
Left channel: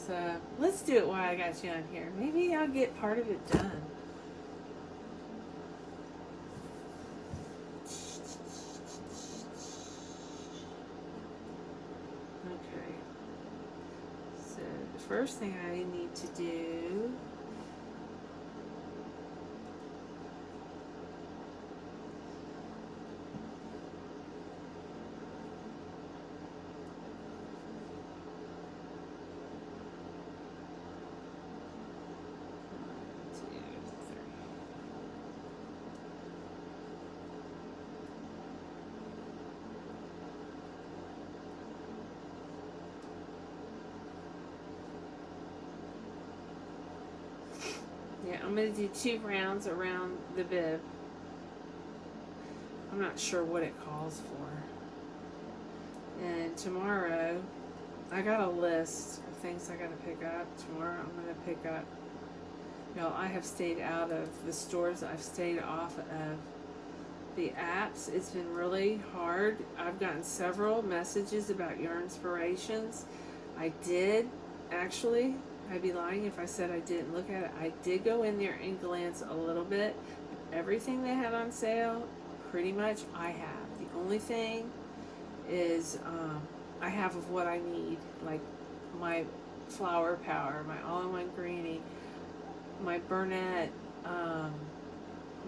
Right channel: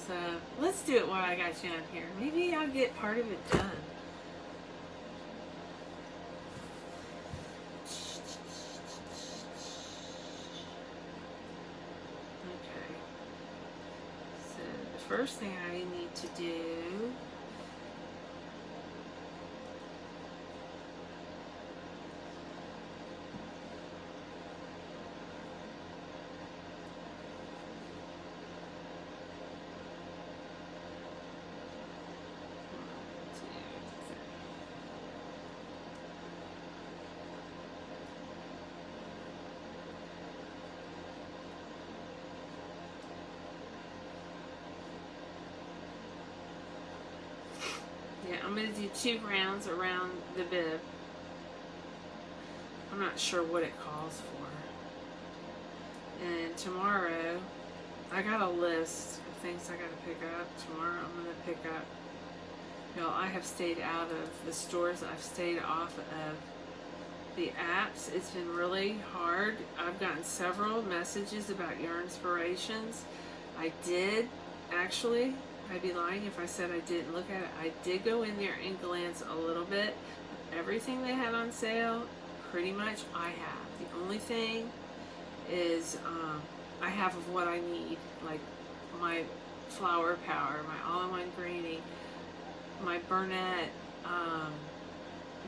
So let's do it while I got you on here. Maybe I'll get part of it done. Okay. So the first thing I need to do I'm going to do 2 rounds around the bib. I'm not sure what it calls for. And tomorrow, I got a list of things I got to pick up. Tomorrow I'm going to pick up, I have stayed out of the stores. I've stayed off of the apps. It's been really hard. I've gotten several messages about yarn inspirations. I did actually. I'd be lying if I said I didn't look at it. I did go in there and glance a little bit. Everything they had on sale, pretty much I have. The only thing is I have of what I need, like my flower power, my all-in-one greening, my Burnett,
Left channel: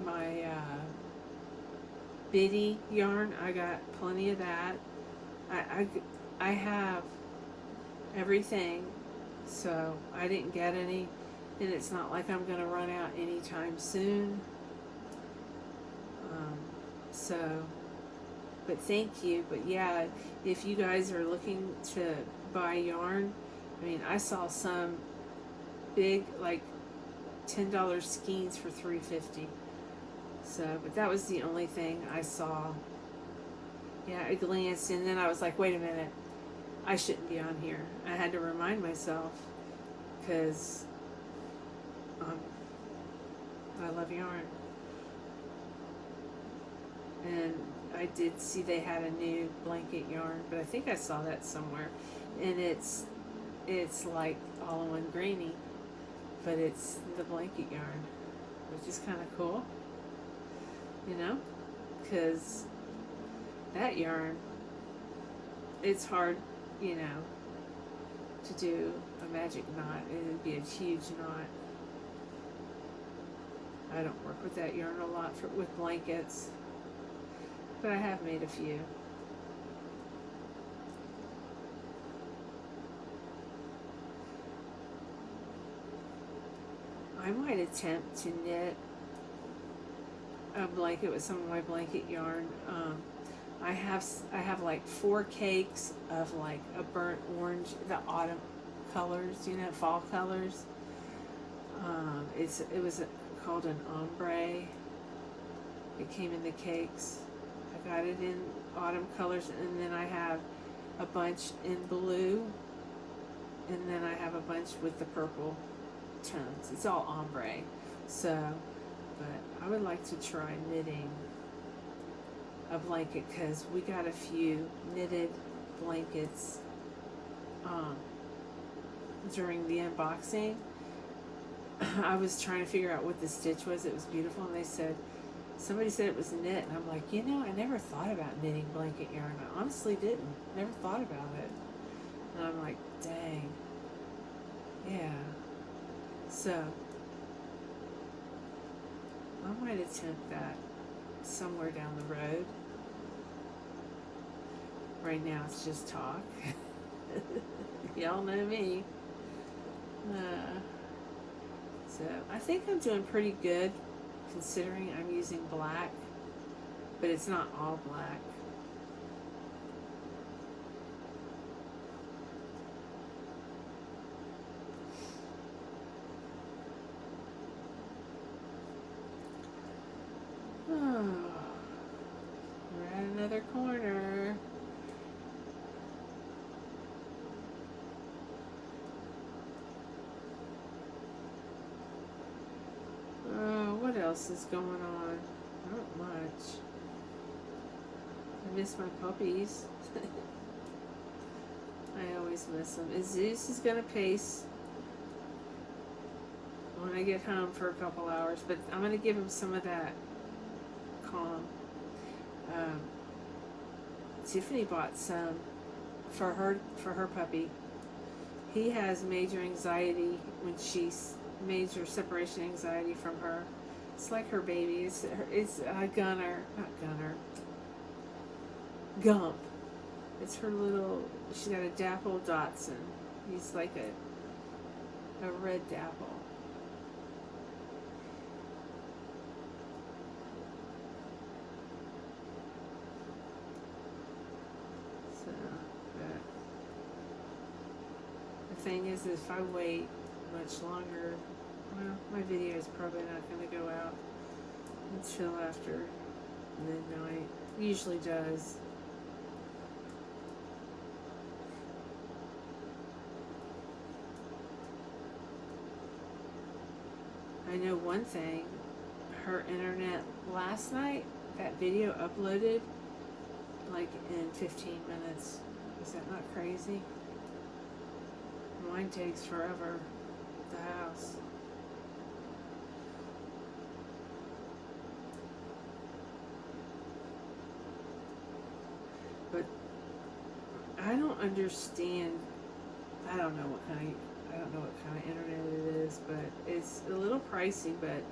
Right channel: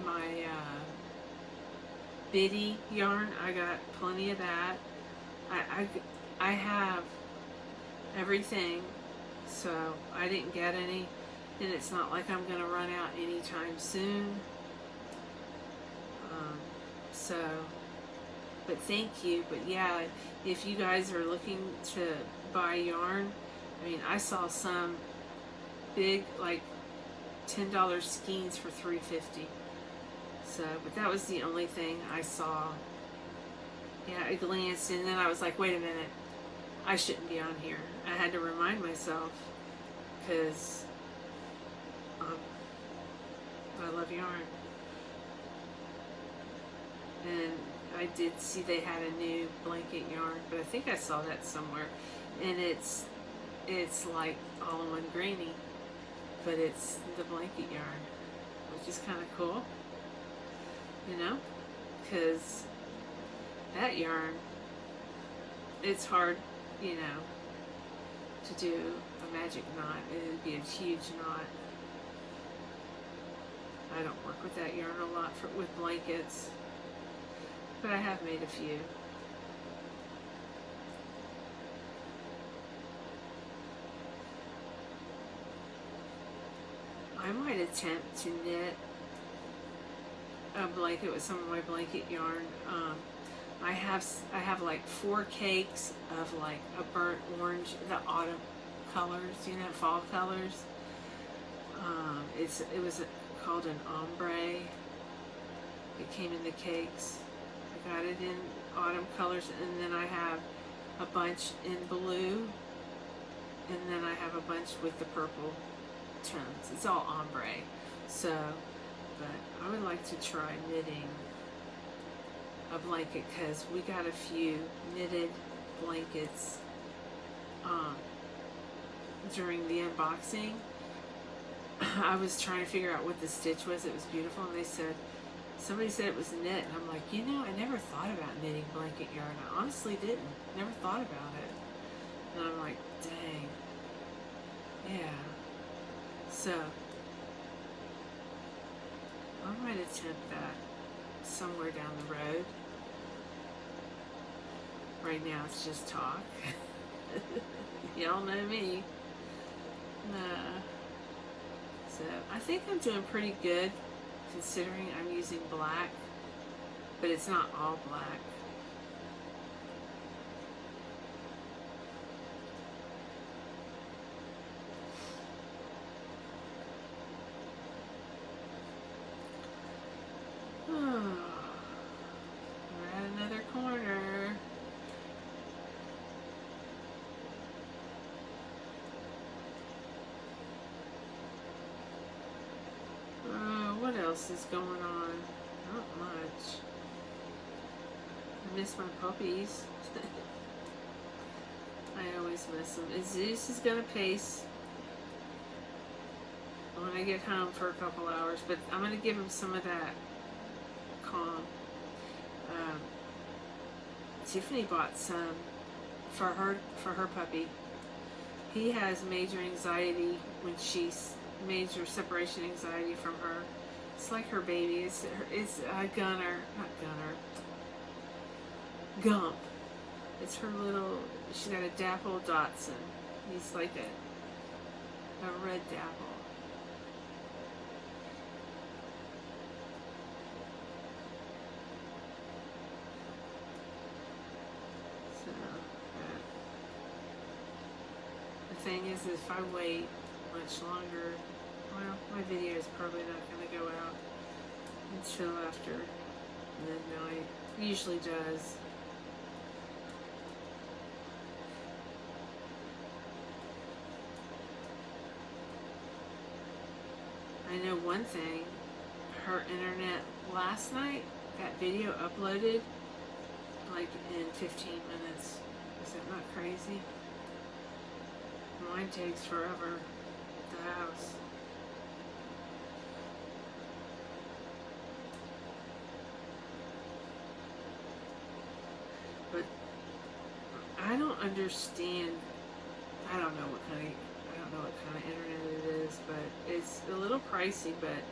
my Biddy yarn. I got plenty of that. I have everything. So I didn't get any, and it's not like I'm going to run out anytime soon. But thank you. But yeah, if you guys are looking to buy yarn, I mean, I saw some big, like $10 skeins for $3.50. So, but that was the only thing I saw. Yeah, I glanced, and then I was like, wait a minute. I shouldn't be on here. I had to remind myself, because I love yarn. And I did see they had a new blanket yarn, but I think I saw that somewhere. And it's like all-in-one greeny, but it's the blanket yarn, which is kind of cool, because that yarn, it's hard, to do a magic knot. It would be a huge knot. I don't work with that yarn a lot with blankets, but I have made a few. I might attempt to knit a blanket with some of my blanket yarn. I have like 4 cakes of like a burnt orange, the autumn colors, fall colors. It was called an ombre. It came in the cakes. I got it in autumn colors, and then I have a bunch in blue, and then I have a bunch with the purple tones. It's all ombre. So, but I would like to try knitting a blanket, because we got a few knitted blankets during the unboxing. I was trying to figure out what the stitch was. It was beautiful, and they said Somebody said it was knit, and I'm like, you know, I never thought about knitting blanket yarn. I honestly didn't. Never thought about it. And I'm like, dang. Yeah. So, I might attempt that somewhere down the road. Right now it's just talk. Y'all know me. So I think I'm doing pretty good considering I'm using black, but it's not all black. Oh, we're at another corner. What else is going on? Not much. I miss my puppies. I always miss them. Zeus is gonna pace when I get home for a couple hours, but I'm gonna give him some of that calm. Tiffany bought some for her puppy. He has major anxiety when she's major separation anxiety from her. It's like her baby. It's Gunner, not Gunner. Gump. It's her little. She's got a dapple Dotson. He's like a red dapple. So the thing is, if I wait much longer, well, my video is probably not going to go out until after midnight. Usually does. I know one thing, her internet last night, that video uploaded like in 15 minutes. Is that not crazy? Mine takes forever at the house. But I don't understand. I don't know what kind of internet it is, but it's a little pricey, but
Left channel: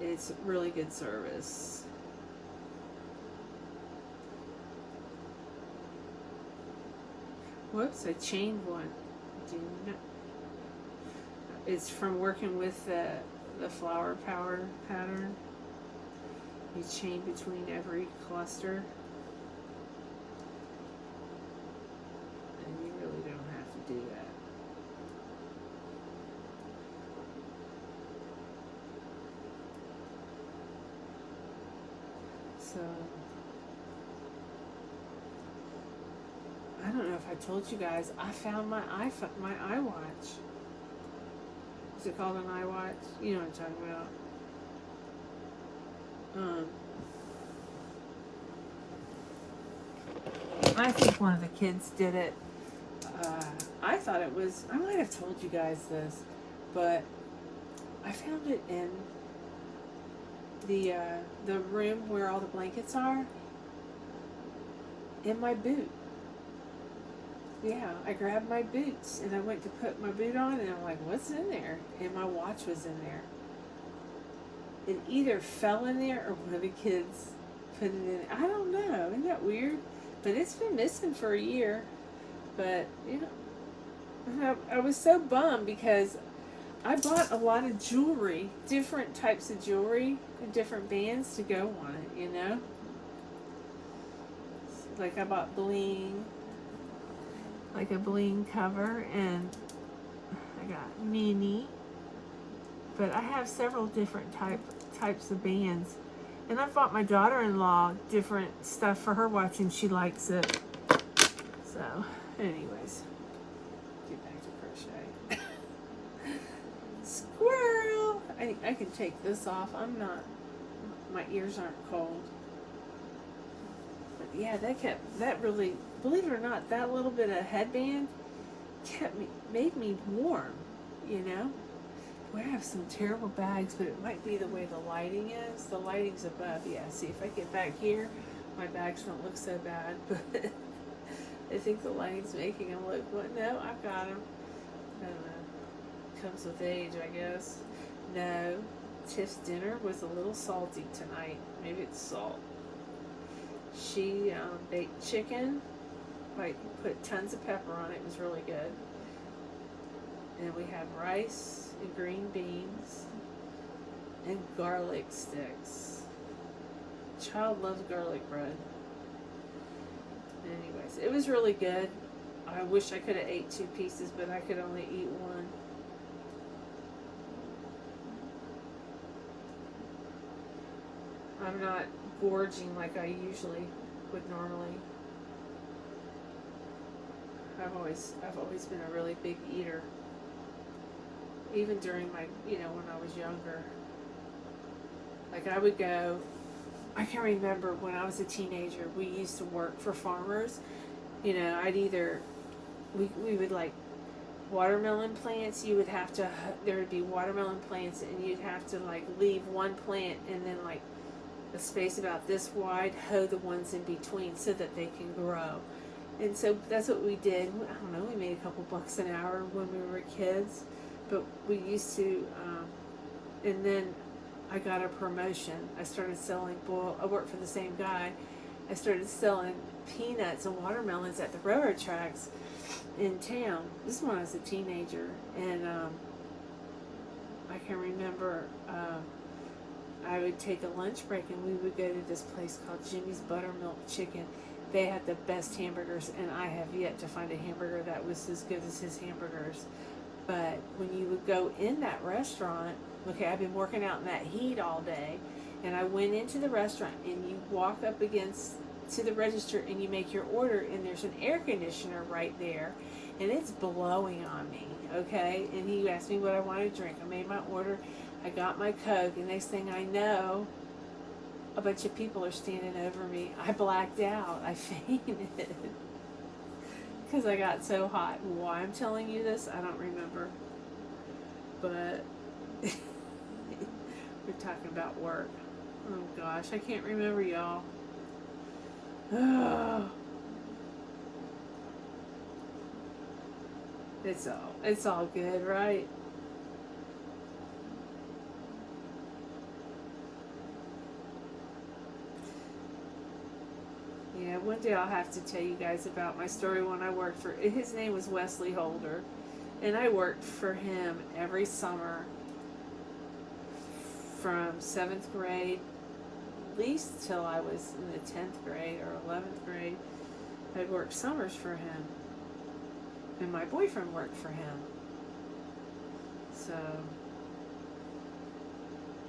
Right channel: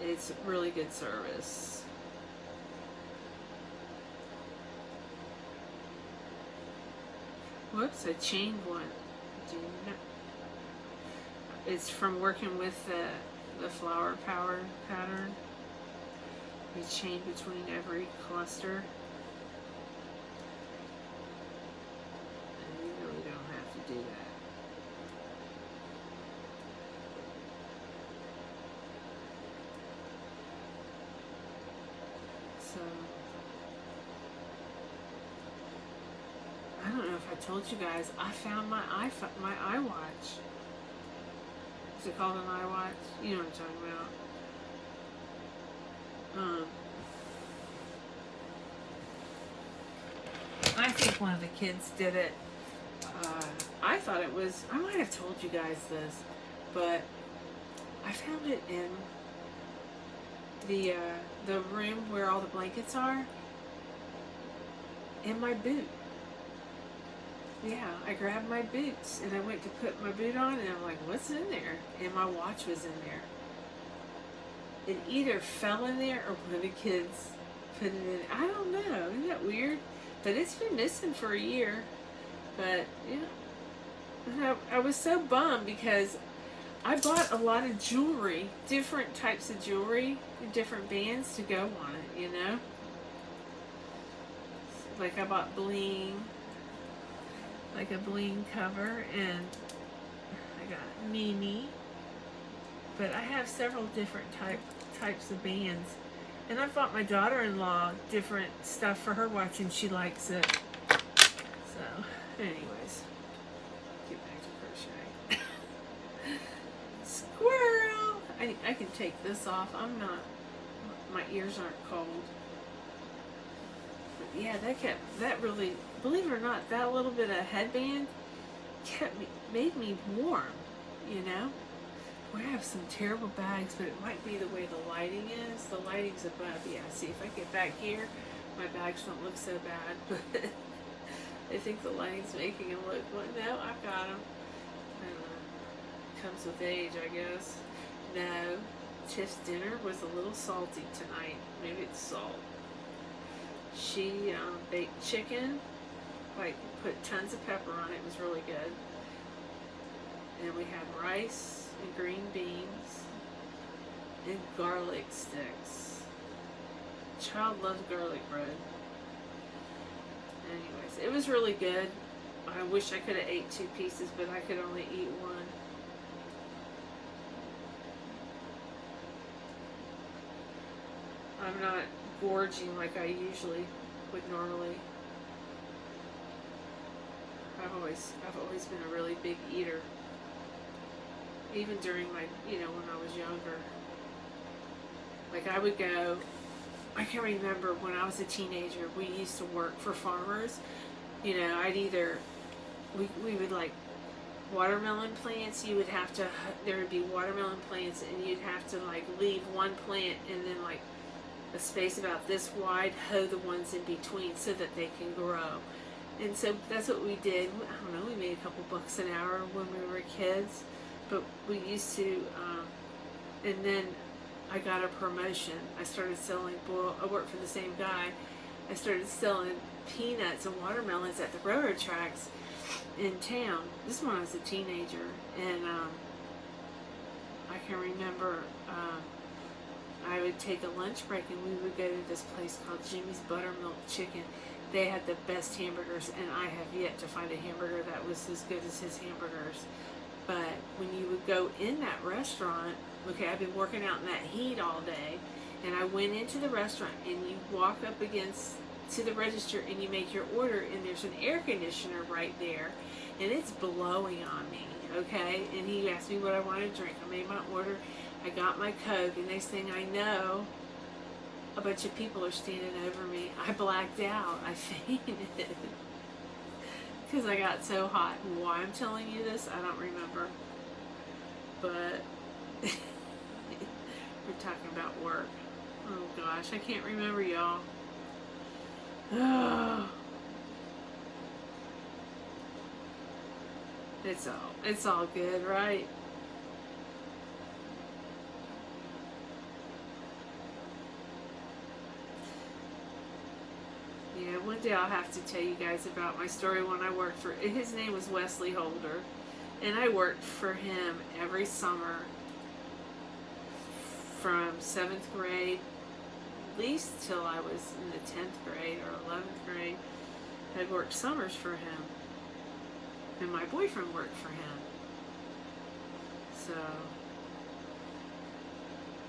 it's really good service. Whoops, I chained one. Do not. It's from working with the flower power pattern. We chain between every cluster. And you really don't have to do that. So, I don't know if I told you guys, I found my iWatch. Is it called an iWatch? You know what I'm talking about. I think one of the kids did it. I thought it was, I might have told you guys this, but I found it in the room where all the blankets are, in my boot. Yeah, I grabbed my boots and I went to put my boot on and I'm like, what's in there? And my watch was in there. It either fell in there or one of the kids put it in. I don't know. Isn't that weird? But it's been missing for a year. But, you know, I was so bummed because I bought a lot of jewelry, different types of jewelry and different bands to go on it, you know? Like I bought bling, like a bling cover, and I got Mimi. But I have several different types of bands. And I bought my daughter-in-law different stuff for her watch, and she likes it. So, anyways, get back to crochet. Squirrel! I can take this off. I'm not, my ears aren't cold. But yeah, that really, believe it or not, that little bit of headband made me warm, you know? We have some terrible bags, but it might be the way the lighting is. The lighting's above. Yeah, see, if I get back here, my bags don't look so bad, but I think the lighting's making them look, well, no, I've got them. I don't know. Comes with age, I guess. No, Tiff's dinner was a little salty tonight. Maybe it's salt. She baked chicken, like put tons of pepper on it. It was really good. And we had rice and green beans and garlic sticks. Child loves garlic bread. Anyways, it was really good. I wish I could have ate 2 pieces, but I could only eat 1. I'm not gorging like I usually would normally. I've always been a really big eater. Even during my, when I was younger. Like I would go, I can remember when I was a teenager, we used to work for farmers. I'd either, we would like watermelon plants, you would have to, there would be watermelon plants and you'd have to like leave one plant and then like a space about this wide, hoe the ones in between so that they can grow. And so that's what we did. I don't know, we made a couple bucks an hour when we were kids. But we used to, and then I got a promotion. I started selling, I worked for the same guy. I started selling peanuts and watermelons at the railroad tracks in town. This is when I was a teenager. And I can remember I would take a lunch break and we would go to this place called Jimmy's Buttermilk Chicken. They had the best hamburgers, and I have yet to find a hamburger that was as good as his hamburgers. But when you would go in that restaurant, okay, I've been working out in that heat all day, and I went into the restaurant, and you walk up against to the register, and you make your order, and there's an air conditioner right there, and it's blowing on me, okay? And he asked me what I wanted to drink. I made my order. I got my Coke, and next thing I know, a bunch of people are standing over me. I blacked out. I fainted. Because I got so hot. Why I'm telling you this, I don't remember. But we're talking about work. Oh gosh, I can't remember, y'all. Oh. It's all good, right? Yeah, one day I'll have to tell you guys about my story when I worked for, his name was Wesley Holder, and I worked for him every summer from 7th grade, at least till I was in the 10th grade or 11th grade. I'd worked summers for him, and my boyfriend worked for him. So,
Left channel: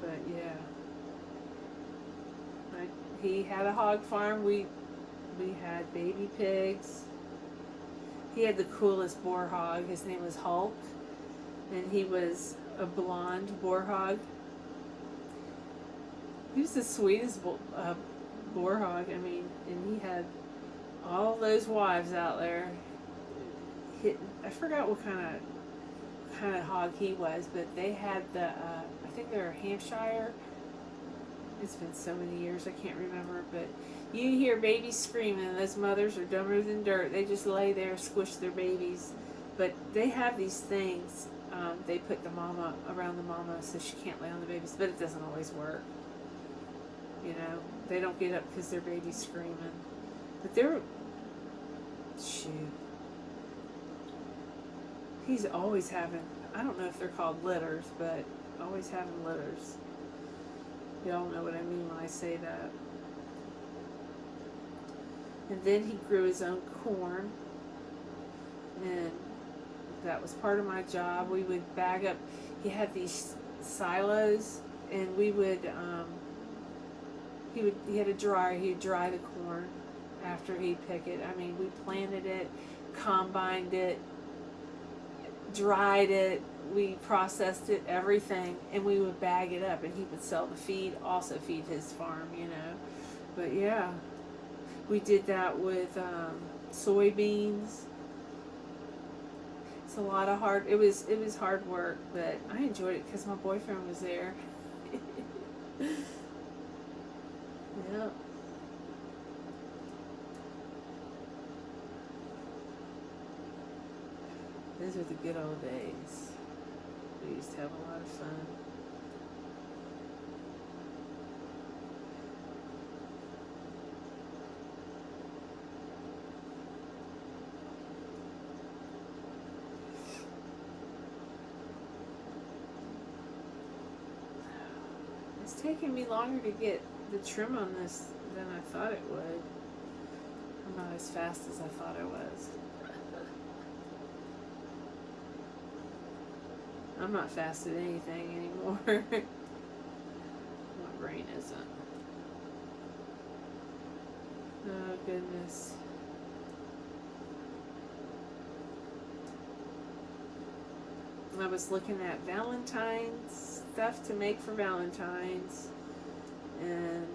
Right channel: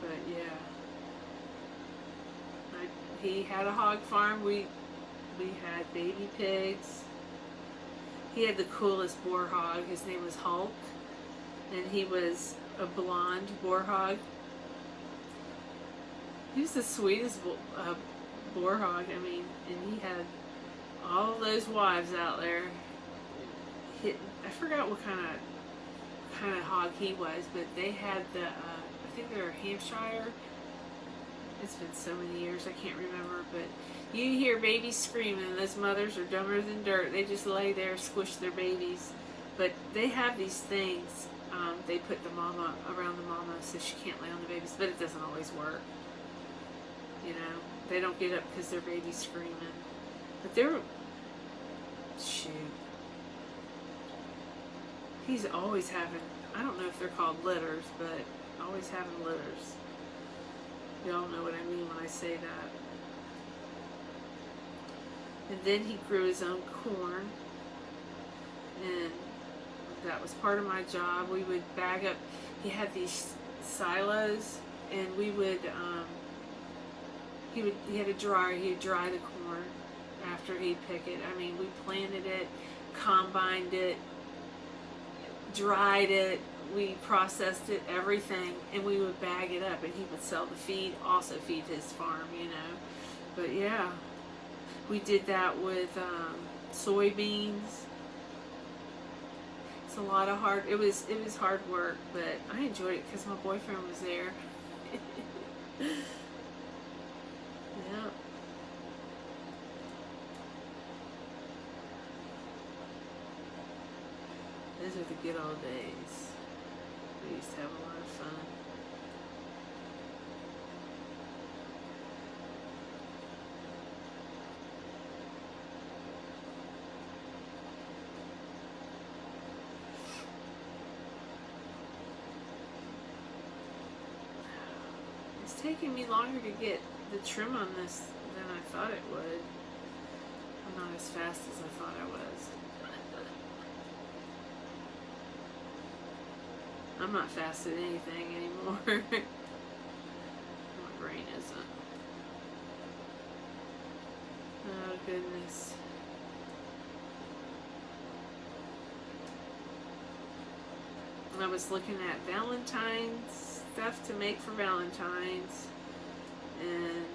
but yeah, he had a hog farm. We had baby pigs. He had the coolest boar hog. His name was Hulk, and he was a blonde boar hog. He was the sweetest boar hog. I mean, and he had all those wives out there. I forgot what kind of hog he was, but they had the I think they're a Hampshire. It's been so many years, I can't remember, but you hear babies screaming, and those mothers are dumber than dirt. They just lay there, squish their babies. But they have these things. They put the mama around the mama so she can't lay on the babies, but it doesn't always work. They don't get up because their baby's screaming. But shoot. He's always having, I don't know if they're called litters, but always having litters. Y'all know what I mean when I say that. And then he grew his own corn, and that was part of my job. We would bag up, he had these silos, and we would, he had a dryer, he'd dry the corn after he'd pick it. I mean, we planted it, combined it, dried it, we processed it, everything, and we would bag it up, and he would sell the feed, also feed his farm, But yeah, we did that with soybeans. It's a lot of hard. It was hard work, but I enjoyed it because my boyfriend was there. Yep. Those are the good old days. We used to have a lot of fun. It's taking me longer to get the trim on this than I thought it would. I'm not as fast as I thought I was. I'm not fast at anything anymore. My brain isn't. Oh, goodness. I was looking at Valentine's stuff to make for Valentine's. And,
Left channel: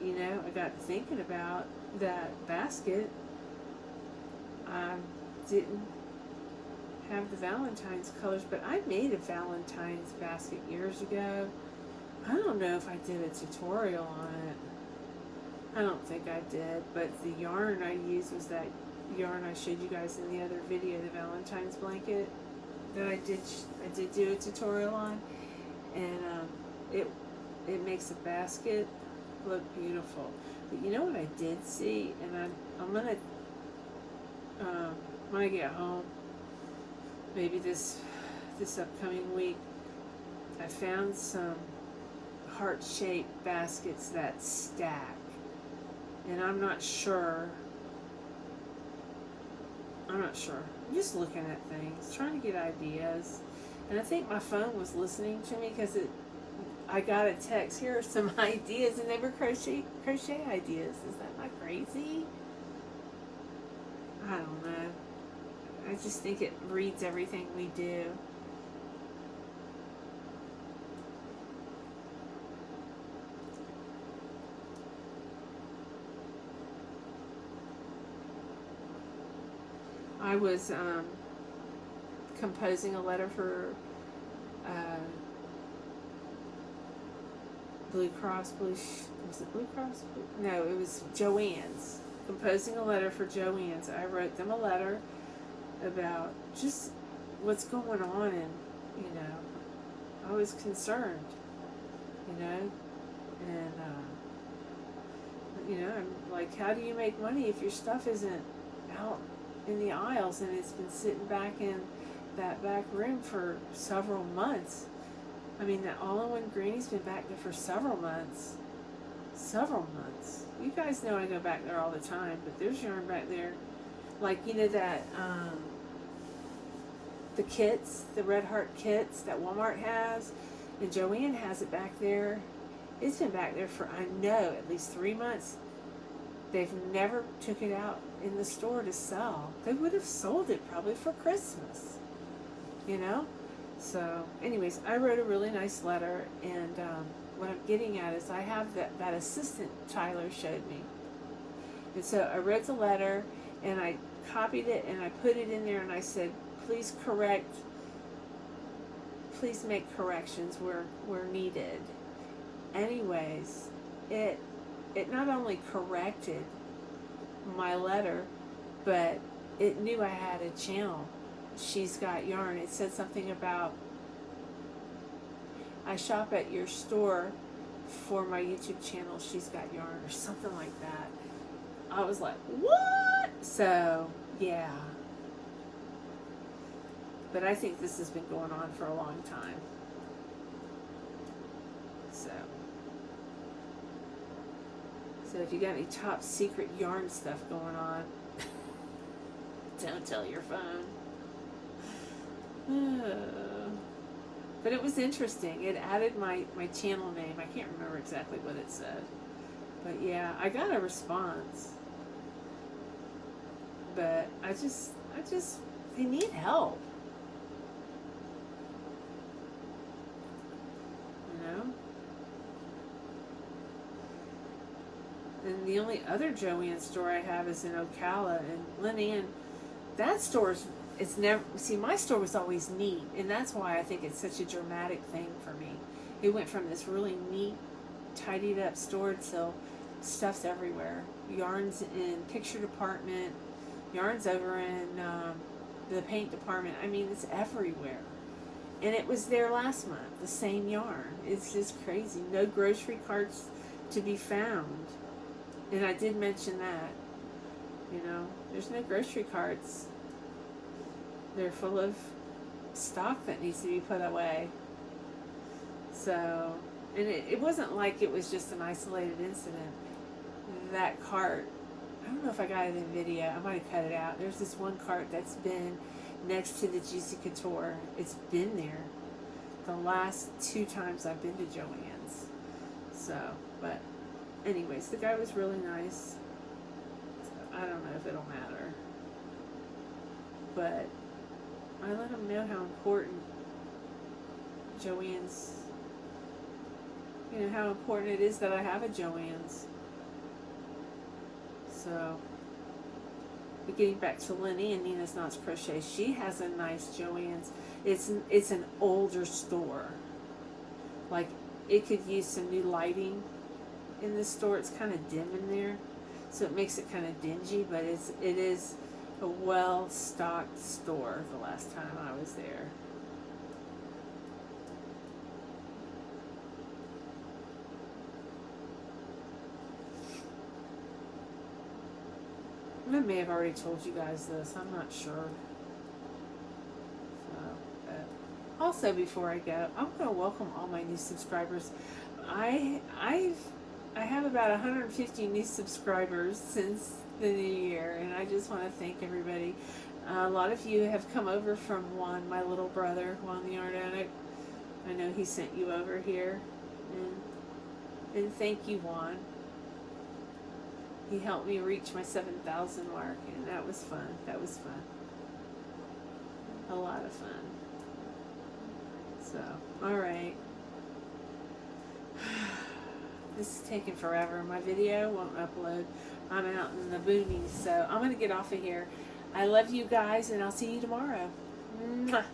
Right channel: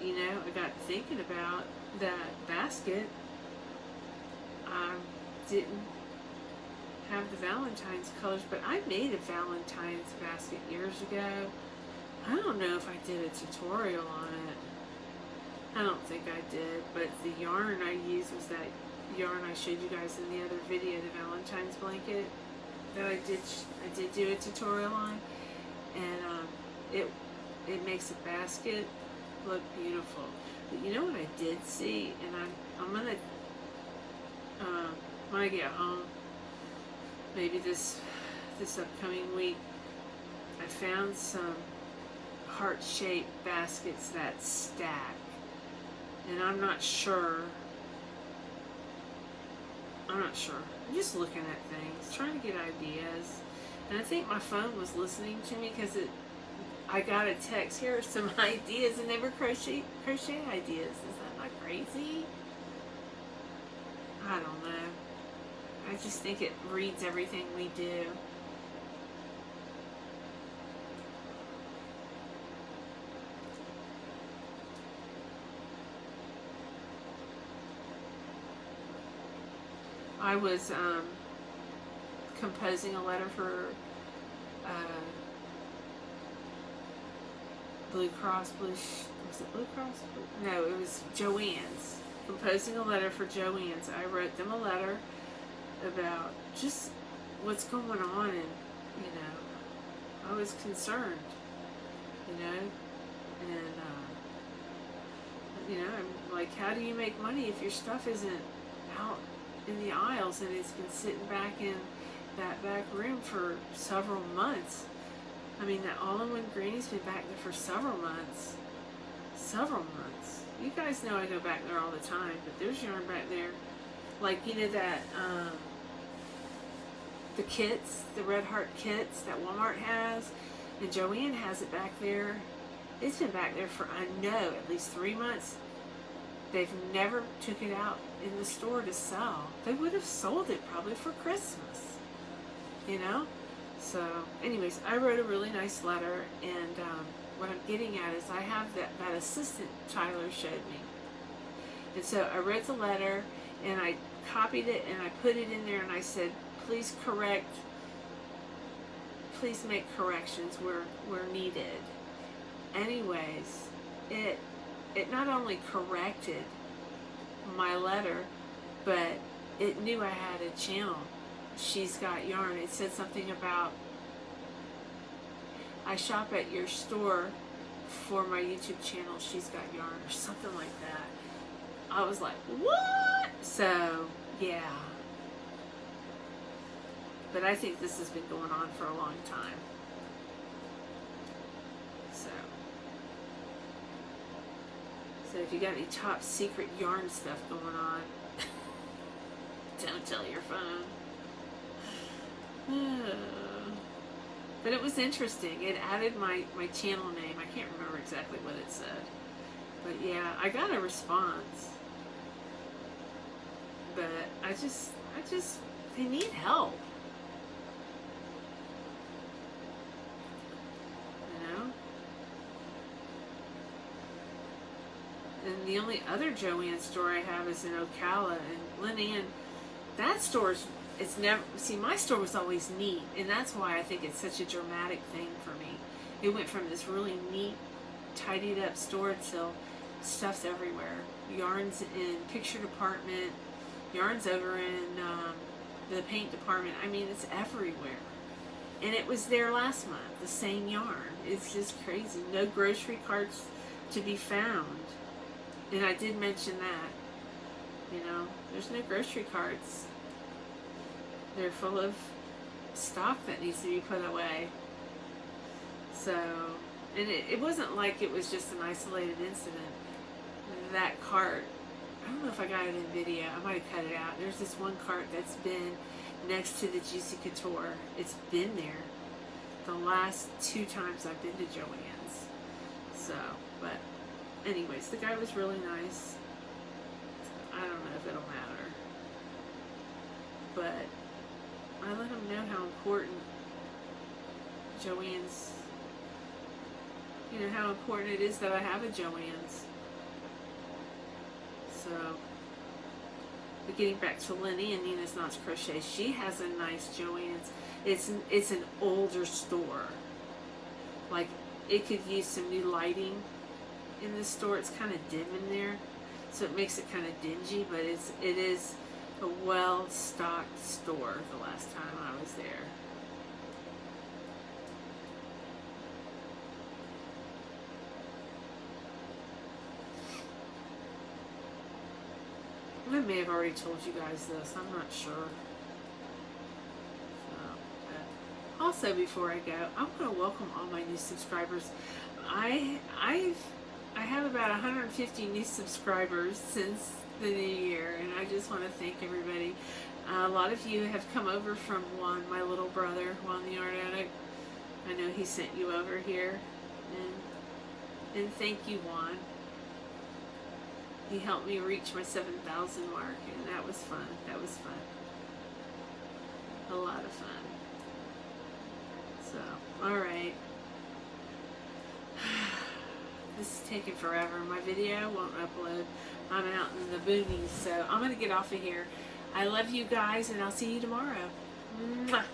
you know, I got thinking about that basket. I didn't have the Valentine's colors, but I made a Valentine's basket years ago. I don't know if I did a tutorial on it. I don't think I did, but the yarn I used was that yarn I showed you guys in the other video, the Valentine's blanket that I did do a tutorial on, and it makes a basket look beautiful. But you know what I did see, and I'm gonna when I get home, maybe this upcoming week, I found some heart-shaped baskets that stack, and I'm not sure. I'm just looking at things, trying to get ideas, and I think my phone was listening to me because I got a text. Here are some ideas, and they were crochet ideas. Is that not crazy? I don't know. I just think it reads everything we do. I was composing a letter for Blue Cross was it Blue Cross? No, it was Joanne's. Composing a letter for Joanne's. I wrote them a letter about just what's going on, and you know, I was concerned, you know, and you know, I'm like, how do you make money if your stuff isn't out in the aisles and it's been sitting back in that back room for several months? I mean, that all-in-one granny's been back there for several months. You guys know I go back there all the time, but there's yarn back there, like, you know, that the kits, the Red Heart kits that Walmart has, and Joanne has it back there. It's been back there for, I know, at least 3 months. They've never took it out in the store to sell. They would have sold it probably for Christmas, you know? So, anyways, I wrote a really nice letter, and what I'm getting at is I have that assistant Tyler showed me. And so I wrote the letter, and I copied it, and I put it in there, and I said, please make corrections where needed. Anyways, it not only corrected my letter, but it knew I had a channel. She's Got Yarn. It said something about, I shop at your store for my YouTube channel, She's Got Yarn, or something like that. I was like, what? So, yeah. But I think this has been going on for a long time. So if you got any top secret yarn stuff going on, don't tell your phone. But it was interesting. It added my channel name. I can't remember exactly what it said. But yeah, I got a response. But I just, they need help. You know? And the only other Joanne store I have is in Ocala, and Lynanne, that store's it's never, see, my store was always neat, and that's why I think it's such a dramatic thing for me. It went from this really neat, tidied up store till stuff's everywhere. Yarns in picture department, yarns over in the paint department. I mean, it's everywhere. And it was there last month, the same yarn. It's just crazy. No grocery carts to be found. And I did mention that. You know, there's no grocery carts. They're full of stock that needs to be put away. So, and it wasn't like it was just an isolated incident. That cart, I don't know if I got it in video. I might have cut it out. There's this one cart that's been next to the Juicy Couture. It's been there the last 2 times I've been to Joann's. So, but anyways, the guy was really nice. So I don't know if it'll matter. But I let him know how important Joann's, you know, how important it is that I have a Joann's. So, but getting back to Lynette and Nina's Knots Crochet, she has a nice Joann's. It's an older store. Like, it could use some new lighting in the store. It's kind of dim in there, so it makes it kind of dingy, but it is a well-stocked store the last time I was there. I may have already told you guys this. I'm not sure. So, but also, before I go, I'm going to welcome all my new subscribers. I have about 150 new subscribers since the new year, and I just want to thank everybody. A lot of you have come over from Juan, my little brother, Juan the Yarn Addict. I know he sent you over here, and thank you, Juan. He helped me reach my 7,000 mark, and that was fun. That was fun. A lot of fun. So, alright. This is taking forever. My video won't upload. I'm out in the boonies, so I'm going to get off of here. I love you guys, and I'll see you tomorrow. Mwah.